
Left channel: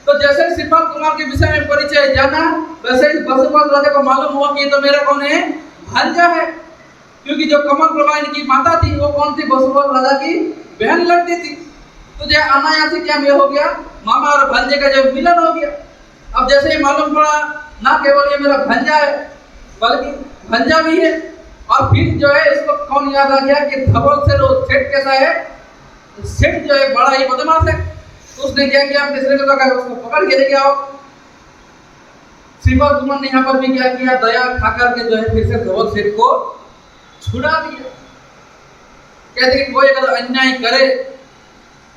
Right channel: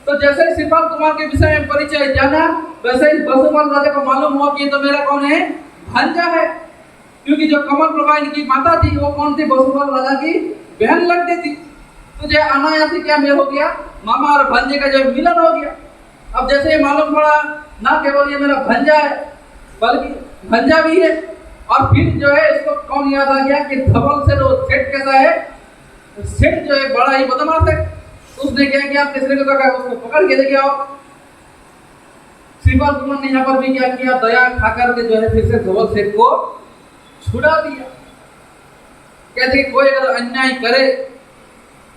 तो जैसे ही श्रीपाल कुमार के विषय में परिचय जाना, वैसे ही बसुपाल राजा को मालूम हुआ कि ये तो मेरा कौन है, भांजा है, क्योंकि जो कमल प्रभा इनकी माता थी वो कौन थी, बसुपाल राजा की बहन लगती थी। तो जो अनायास क्या में हो गया, मामा और भांजे का जो मिलन हो गया। अब जैसे ही मालूम पड़ा ना केवल ये मेरा भांजा है बल्कि भंजा भी है, और फिर जो है इसको कौन याद आ गया कि धवल सेठ कैसा है, सेठ जो है बड़ा ही बदमाश है, तो उसने क्या किया, अपने सेठ को कहा उसको पकड़ के लेके आओ। श्रीपाल कुमार ने यहाँ पर भी क्या किया, दया खाकर के जो है फिर से धवल सेठ को छुड़ा दिया। कहते कि कोई अगर अन्याय करे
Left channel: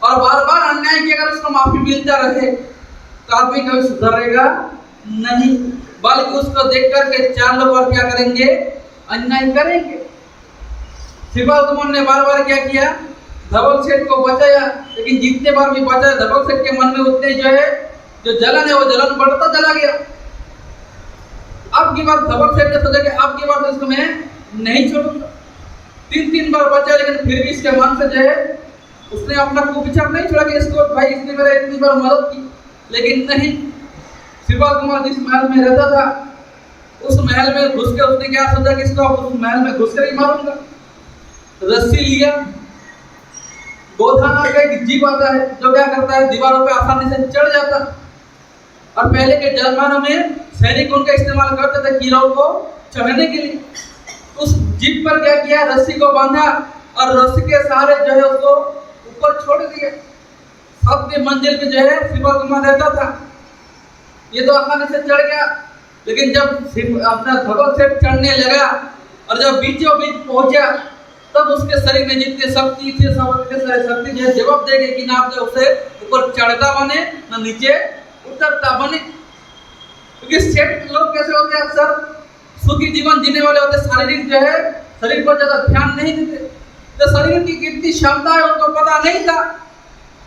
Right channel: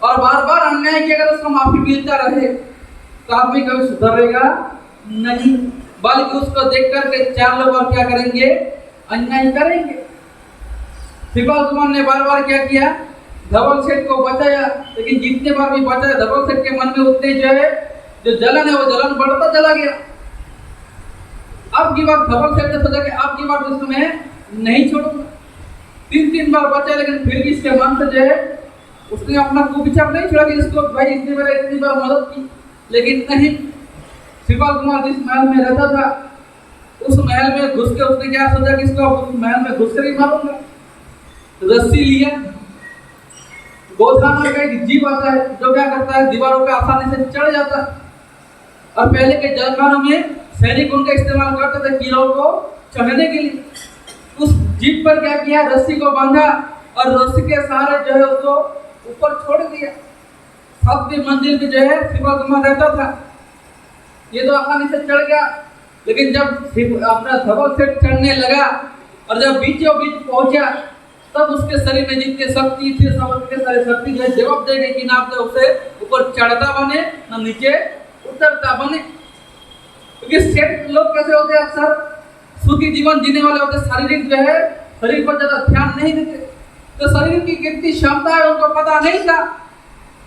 और बार बार अन्याय की अगर उसको माफी मिलता रहे तो आदमी कभी सुधरेगा नहीं, बल्कि उसको देख करके चार लोग और क्या करेंगे, अन्याय करेंगे। श्रीपाल कुमार ने बार बार क्या किया, धवल सेठ को बचाया, लेकिन जितने बार भी बचाया धवल सेठ के मन में उतने जो है जो जलन है वो जलन बढ़ता चला गया। अब की बार धवल सेठ ने सोचा कि अब की बार तो इसको मैं नहीं छोड़ूंगा। तीन बार बचा, लेकिन फिर भी इसके मन से जो है उसने अपना कुविचार नहीं छोड़ा कि इसको भाई इतनी बार मदद की, लेकिन नहीं। श्रीपाल कुमार जिस महल में रहता था उस महल में घुस के उसने क्या सोचा कि इसको उस महल में घुस कर ही मारूंगा। रस्सी लिया, गोधान का एक जीव आता है जो क्या करता है, दीवारों पे आसानी से चढ़ जाता है। और पहले के जमानों में सैनिक उनका इस्तेमाल करते थे किलों को चढ़ने के लिए। उस जीप पर क्या किया, रस्सी को बांधा और रस्सी के सहारे जो है उसको ऊपर छोड़ दिया। 7वीं मंजिल पे जो है श्रीपाल कुमार रहता था। ये तो आसानी से चढ़ गया, लेकिन जब अपना धवल सेठ चढ़ने लगा और जब बीचों बीच पहुंचा तब उसके शरीर में जितनी शक्ति थी सब सारी शक्ति जो है जवाब दे गई कि ना तो उसे ऊपर चढ़ता बने ना नीचे उतरता बने। क्योंकि सेठ लोग कैसे होते हैं, अक्सर सुखी जीवन जीने वाले होते, शारीरिक जो है शरीर पर ज्यादा ध्यान नहीं देते, तो शरीर की कितनी क्षमता है उनको पता नहीं था।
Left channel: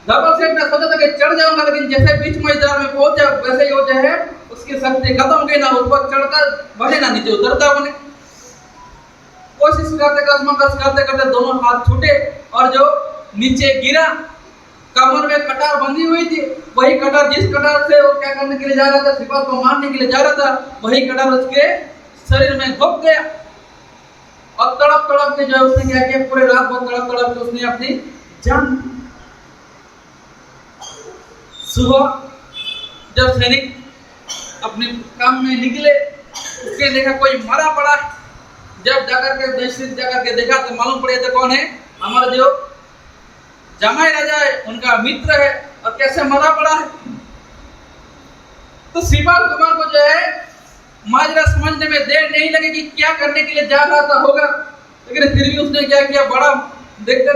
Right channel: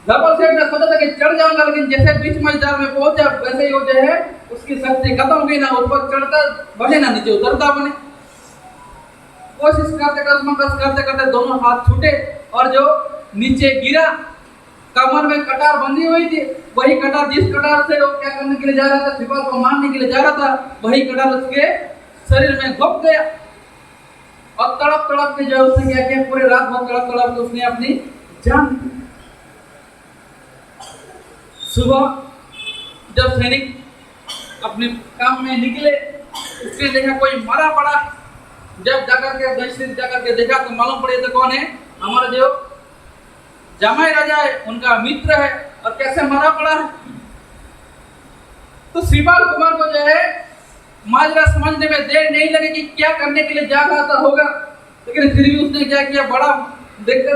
धवल सेठ ने सोचा था कि चढ़ जाऊंगा, लेकिन जैसे बीच मैदान में पहुंचा वैसे ही वो जो है उसकी शक्ति खत्म हो गई, ना ऊपर चढ़ता बने ना नीचे उतरता बने। कोशिश करते करते दोनों हाथ छूटे और जो नीचे गिरा, कमर में कटार बंधी हुई थी, वही कटार जिस कटार से वो क्या करने के लिए जा रहा था, श्रीपाल को मारने के लिए जा रहा था, वही कटार उसके शरीर में घुस गया। और तड़प के जो उसने क्या किया, पूरे रात भर तड़प के उसने अपनी जान दी। सुबह जब सैनिक अपने काम में निकले, उसने देखा कोई मरा पड़ा। जब जाकर के देखा तो मालूम पड़े तो कौन है, हमारा जो जमाई राजा है उनका मित्र है, और कैसे मरा पड़ा है। तो श्रीपाल कुमार को जो है माजरा समझने में देर नहीं लगी कि क्या करने के लिए जा रहा था होगा, लेकिन फिर भी उसने क्या किया, बड़ा देखते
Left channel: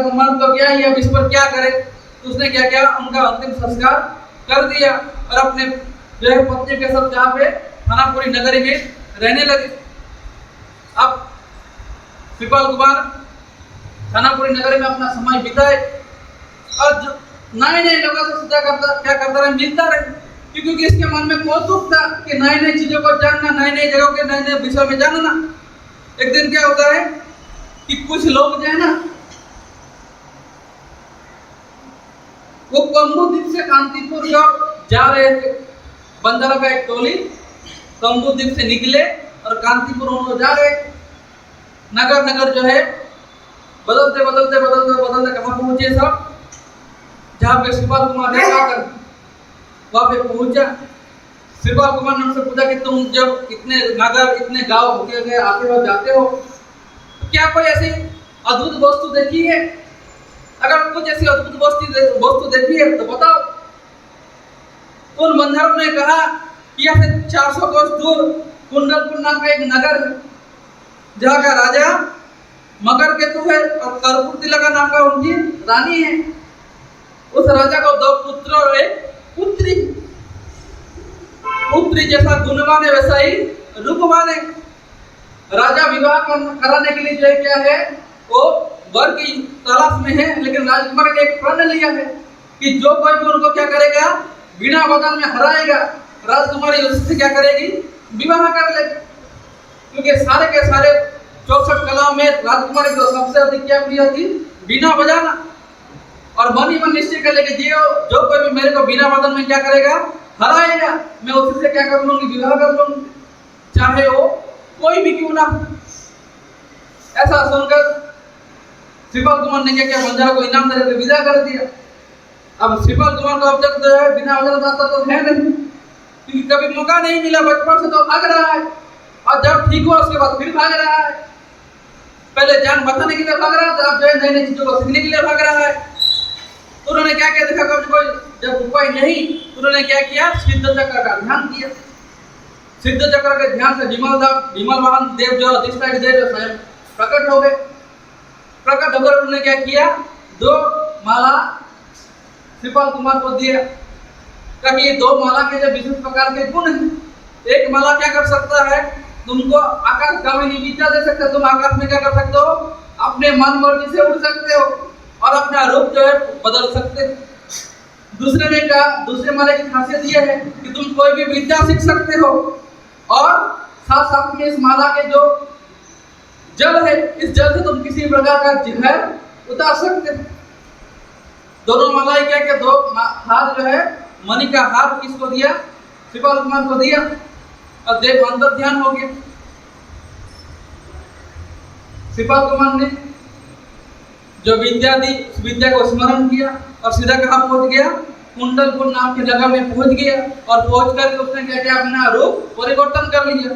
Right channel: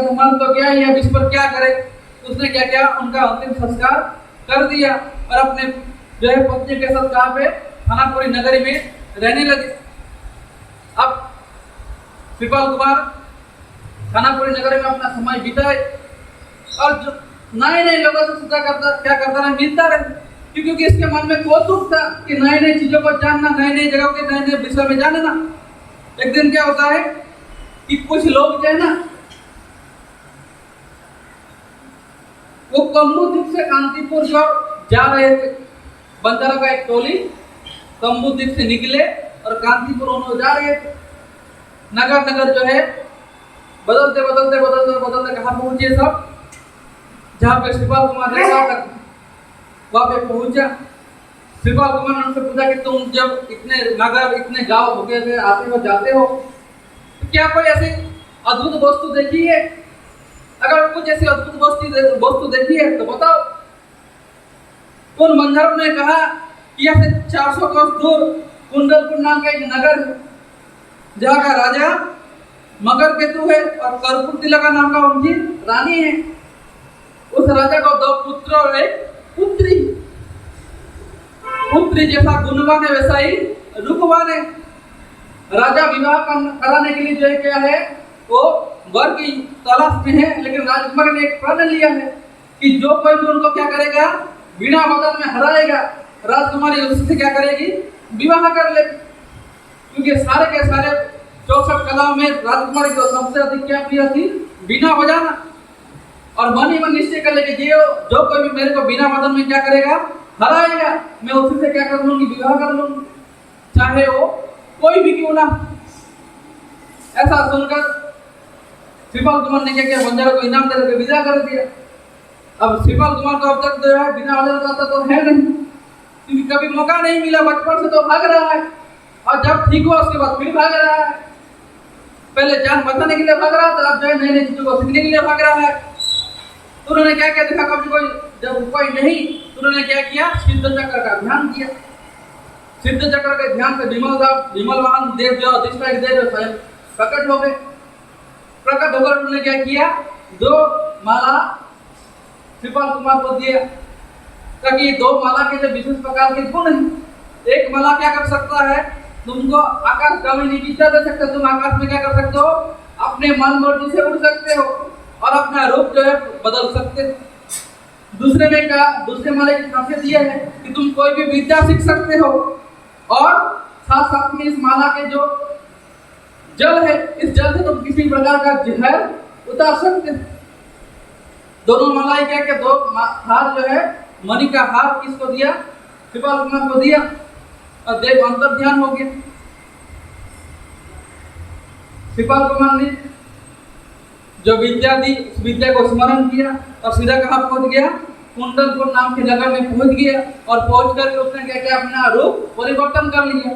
तो मन तो क्या ही अब इस पर क्या करे। तो उसने क्या किया, उनका अंतिम संस्कार कर दिया और अपने जो है पत्नी के साथ जहाँ पे थानापुरी नगरी में रहने लगे। अब श्रीपाल कुमार थानापुरी नगरी में अपना समय बिताए और जो नए लोगों से क्या करता रहे, मिलता रहे, क्योंकि इसके मन में कौतुक था कि नए चीजों को जानना, नए जगहों के नए विषय में जानना। एक दिन क्या होता है कि कुछ लोग जो है ना वो कम्बुद्वीप से कांतिपुर जो जा रहे थे, बंजारा का एक टोली कम्बुद्वीप से निकले और कांतिपुर उन्होंने जा रहे थे। नगर जो है बदलते कहाँ पहुंचे सब, जहाँ पे श्रीपाल कुमार रहता था वहां पे पहुंचा। श्रीपाल कुमार ने उनसे पूछा कि तुम जब इतने नगर इतने गांव होते थे आते हो जाते हो, तो क्या कोई ऐसी अद्भुत वस्तु देखी है? अगर कुछ ऐसी अद्भुत वस्तु देखी है तो बताओ। उन बंधरों ने कहा कि ऐसे 400 कोस दूर कुंडलपुर नाम का एक नगर है, जहाँ का राजा मकर केतु है और कर्पूरतिलका नाम का उनकी रानी है। उस राजा को 2 पुत्र और एक पुत्री। पुत्री जैसा गुणवान है वैसा ही रूपवान है। राजा विवाह कराने के लिए जो है क्या है, वो वर की तलाश में है, लेकिन राजकुमार ने एक प्रण लिया है कि जो कोई भी उनको क्या करेगा, बिना बदल में हराएगा, राजकुमारी उससे क्या करेगी, विवाह कर लेगी। क्योंकि सारे के सारे 64 कलाओं में राजकुमारी को सबसे अधिक क्या प्रिय थी, बीना बजाना। और मन ही मन निश्चय कर लेके जो कोई भी मेरे को बिना बदल में क्या करेगा, हराएगा, मैं उसी से क्या कर लूंगी, विवाह कर लूंगी, चाहे वो कोई भी क्यों ना। ऐसा सुनकर श्रीपाल कुमार ने क्या किया, बंजारा को इनाम देकर विदा कर दिया। अब श्रीपाल कुमार को अब तक जो है बिना वजह जाता तो है नहीं, क्योंकि कभी मौका नहीं मिला, बचपन से तो भाग रहा है, और जब ठीक हुआ उसके बाद फिर भाग रहा है। पहले जान बचाने के लिए भाग रहा था, अब जो है नई चीजों को सीखने के लिए भाग रहा है। तो उन्होंने क्या क्या देखा, कभी कोई जब उपाय नहीं तो उन्होंने क्या किया, सिद्ध चक्र का ध्यान किया। सिद्ध चक्र के ध्यान से विमल वाहन देव जो अधिष्ठायक देव स्वयं प्रकट हो गए। प्रकट होकर उन्होंने क्या किया, 2 माला श्रीपाल कुमार को दिया, ताकि 2 माला के जो विशेष प्रकार के गुण हैं। एक माला क्या कर सकता है, तुमको आकाश गामिनी विद्या दे सकता है। तुम आकाश में क्या कर सकते हो, अपने मन मर्जी से उड़ सकते हो और अपना रूप जो है बदल सकते हो। दूसरे माले की खासियत यह है कि तुम कोई भी विद्या सीख सकते हो और साथ साथ में इस माला के जो जल है, इस जल से तुम किसी प्रकार का जहर उतार सकते हो। दोनों मालाएं क्या क्या 2 हार जो है, मणि का हार किसको दिया, श्रीपाल कुमार को दिया और देव अंतर ध्यान हो गया। श्रीपाल कुमार ने जो विद्या दी, उस विद्या को स्मरण किया और सीधा कहाँ पहुंच गया, कुंडलपुर नाम की जगह में पहुंच गया और पहुंच करके उसने क्या किया, अपना रूप परिवर्तन कर लिया।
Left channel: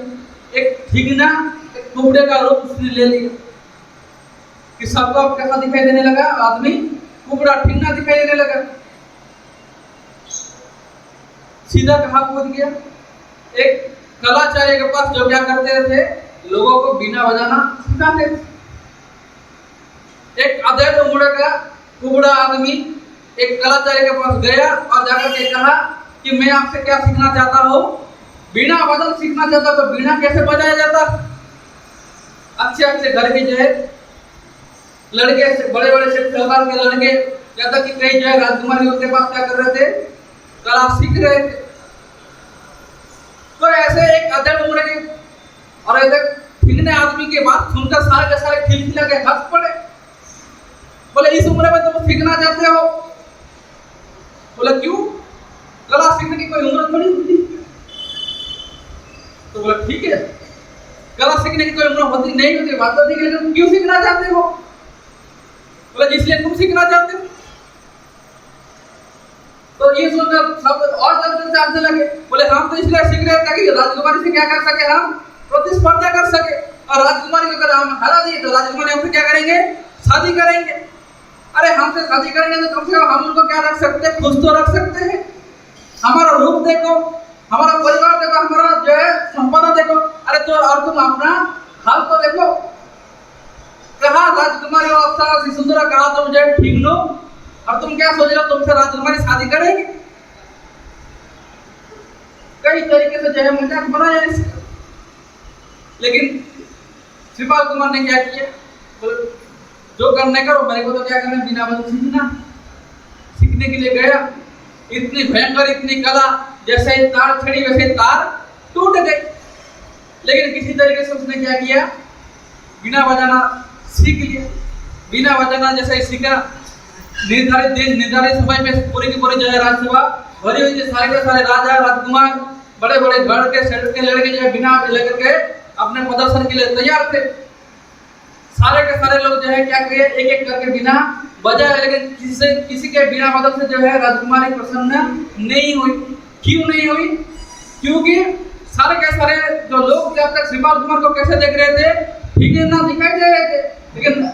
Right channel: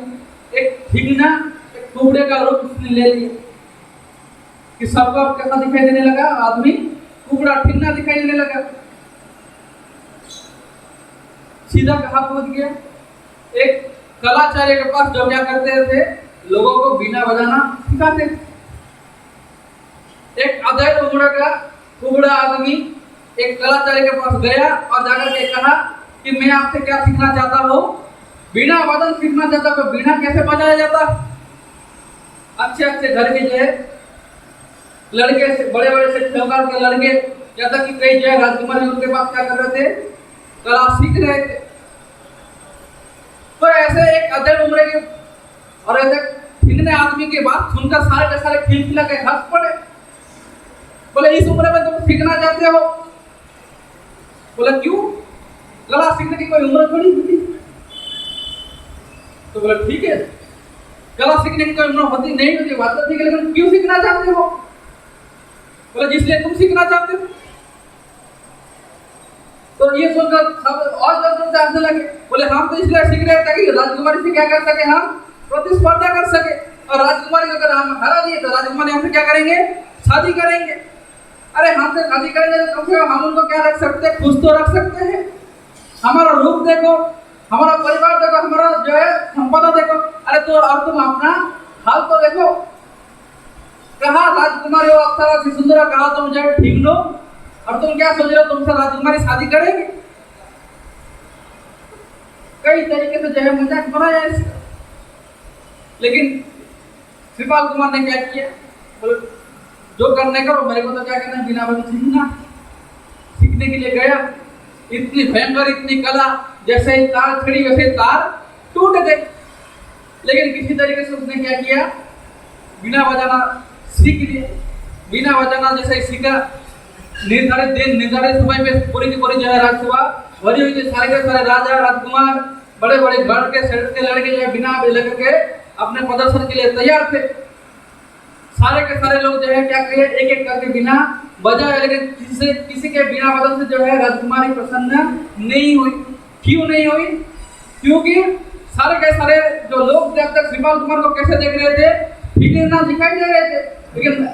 एक ठिगना, एक कुबड़े का रूप उसने ले लिया कि सबको अब कैसा दिखाई देने लगा, आदमी कुबड़ा ठिगना दिखाई देने लगा। सीधा कहाँ पहुंच गया, एक कलाचार्य के पास, जो क्या करते थे, लोगों को बीना बजाना सिखाते थे। एक अधेड़ उम्र का कुबड़ा आदमी एक कलाचार्य के पास गया और जाकर के कहा कि मैं आपसे क्या सीखना चाहता हूँ, बीना वादन सीखना चाहता हूँ। बीना कैसे बजाया जाता। अच्छे अच्छे घर के जो है लड़के, बड़े बड़े से प्रकार के लड़के, या तक कि कई जो है राजकुमारी उनके पास क्या कर रहे थे, कला सीख रहे थे। तो ऐसे एक अधेड़ उम्र के और ऐसे ठिगने आदमी की बात सुनकर सारे के सारे खिलखिला के हंस पड़े। बोले इस उम्र में तुम सीखना चाहते हो? बोला क्यों, कला सीखने की कोई उम्र थोड़ी होती। तो बोला ठीक है, कला सीखने की कोई उम्र होती नहीं होती, बात तो ठीक है, लेकिन क्यों सीखना चाहते हो? बोला जिसलिए तुम सीखना चाहते हो। तो ये सुनकर सब और जल्दी से हंसने लगे। बोले हम तो इसलिए सीख रहे थे कि राजकुमारी से क्या कर सके, हम प्रतिस्पर्धा कर सके, और राजकुमारी को अगर हम हरा दिए तो राजकुमारी हमसे क्या करेंगे, शादी करेंगे। अरे हमसे शादी करेंगे तो कम से कम हम उनको क्या रख सकते हैं, खुश तो रख सकते हैं। हमारा रूप देखो, हमारा परिवार देखो, हमारा जो है संपदा देखो। अरे तो और तुम अपना हाल तो देखो। कहा राजकुमारी और अप्सरा सी सुंदर, कहा तुम जो है ठीक लो, और तुम क्या सोच रहे हो, तुमसे राजकुमारी शादी करेगी? कई तरीके से जो है मजाक बनाया इसका। लेकिन श्रीपाल कुमार ने क्या किया, जो करने का वो मेरे को तो क्या करना, बिना बंद सीखना। सीखने के लिए गया, इतनी भयंकर, इतनी कला, जैसे तार छड़ी वैसे तार टूट गई। लेकिन किसी तरीके से उसने क्या किया, बिना बजाना सीख लिया। बिना बजाना जैसे ही सीखा, निर्धारित दिन निर्धारित समय में पूरी की पूरी जो है राजसभा भरी हुई थी। सारे के सारे राजा राजकुमार, बड़े बड़े गढ़ के शहर के लड़के जो है बिना लेकर के अपने प्रदर्शन के लिए तैयार थे। सारे के सारे लोग जो है क्या किए, एक एक करके बिना बजाए, लेकिन किसी के बिना बदल से जो है राजकुमारी प्रसन्न नहीं हुई। क्यों नहीं हुई? क्योंकि सारे के सारे जो लोग जब तक श्रीपाल कुमार को कैसे देख रहे थे, ठीक है ना, दिखाई दे रहे थे, लेकिन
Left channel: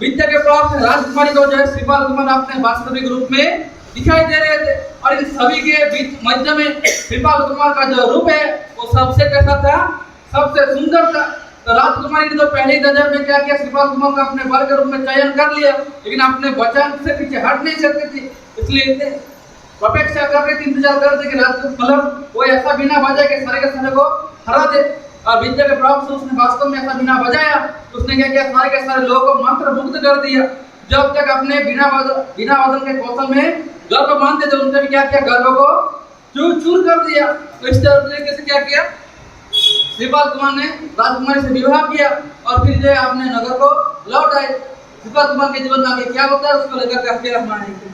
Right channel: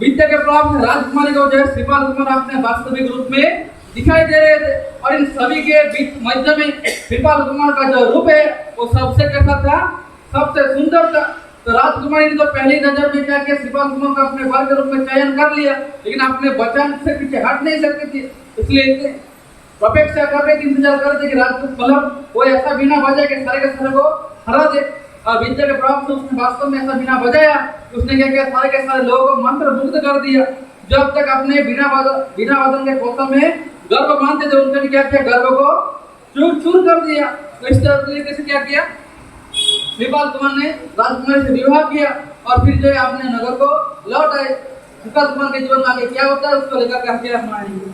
विद्या के प्रभाव से राजकुमारी को जो है श्रीपाल कुमार अपने वास्तविक रूप में दिखाई दे रहे थे। और इन सभी के बीच मध्य में श्रीपाल कुमार का जो रूप है वो सबसे कैसा था, सबसे सुंदर था। तो राजकुमारी ने तो पहली नजर में क्या किया, श्रीपाल कुमार का अपने वर के रूप में चयन कर लिया, लेकिन अपने वचन से पीछे हट नहीं सकती थी। इसलिए अपेक्षा कर रहे थे, इंतजार कर रहे थे कि मतलब वो ऐसा बिना बजाए के सारे के सारे को हरा दे। और विद्या के प्रभाव से उसने वास्तव में ऐसा बिना बजाया, उसने क्या किया, सारे के सारे लोगों को मंत्र मुग्ध कर दिया। जब तक अपने बिना वादन के कौशल में गर्व मानते थे, उनने भी क्या किया, गर्व को चूर चूर कर दिया। तो इस तरीके से क्या किया, श्रीपाल कुमार ने राजकुमारी से विवाह किया और फिर जो है अपने नगर को लौट आए। श्रीपाल कुमार के जीवन में आगे क्या होता है उसको लेकर के हम आएंगे।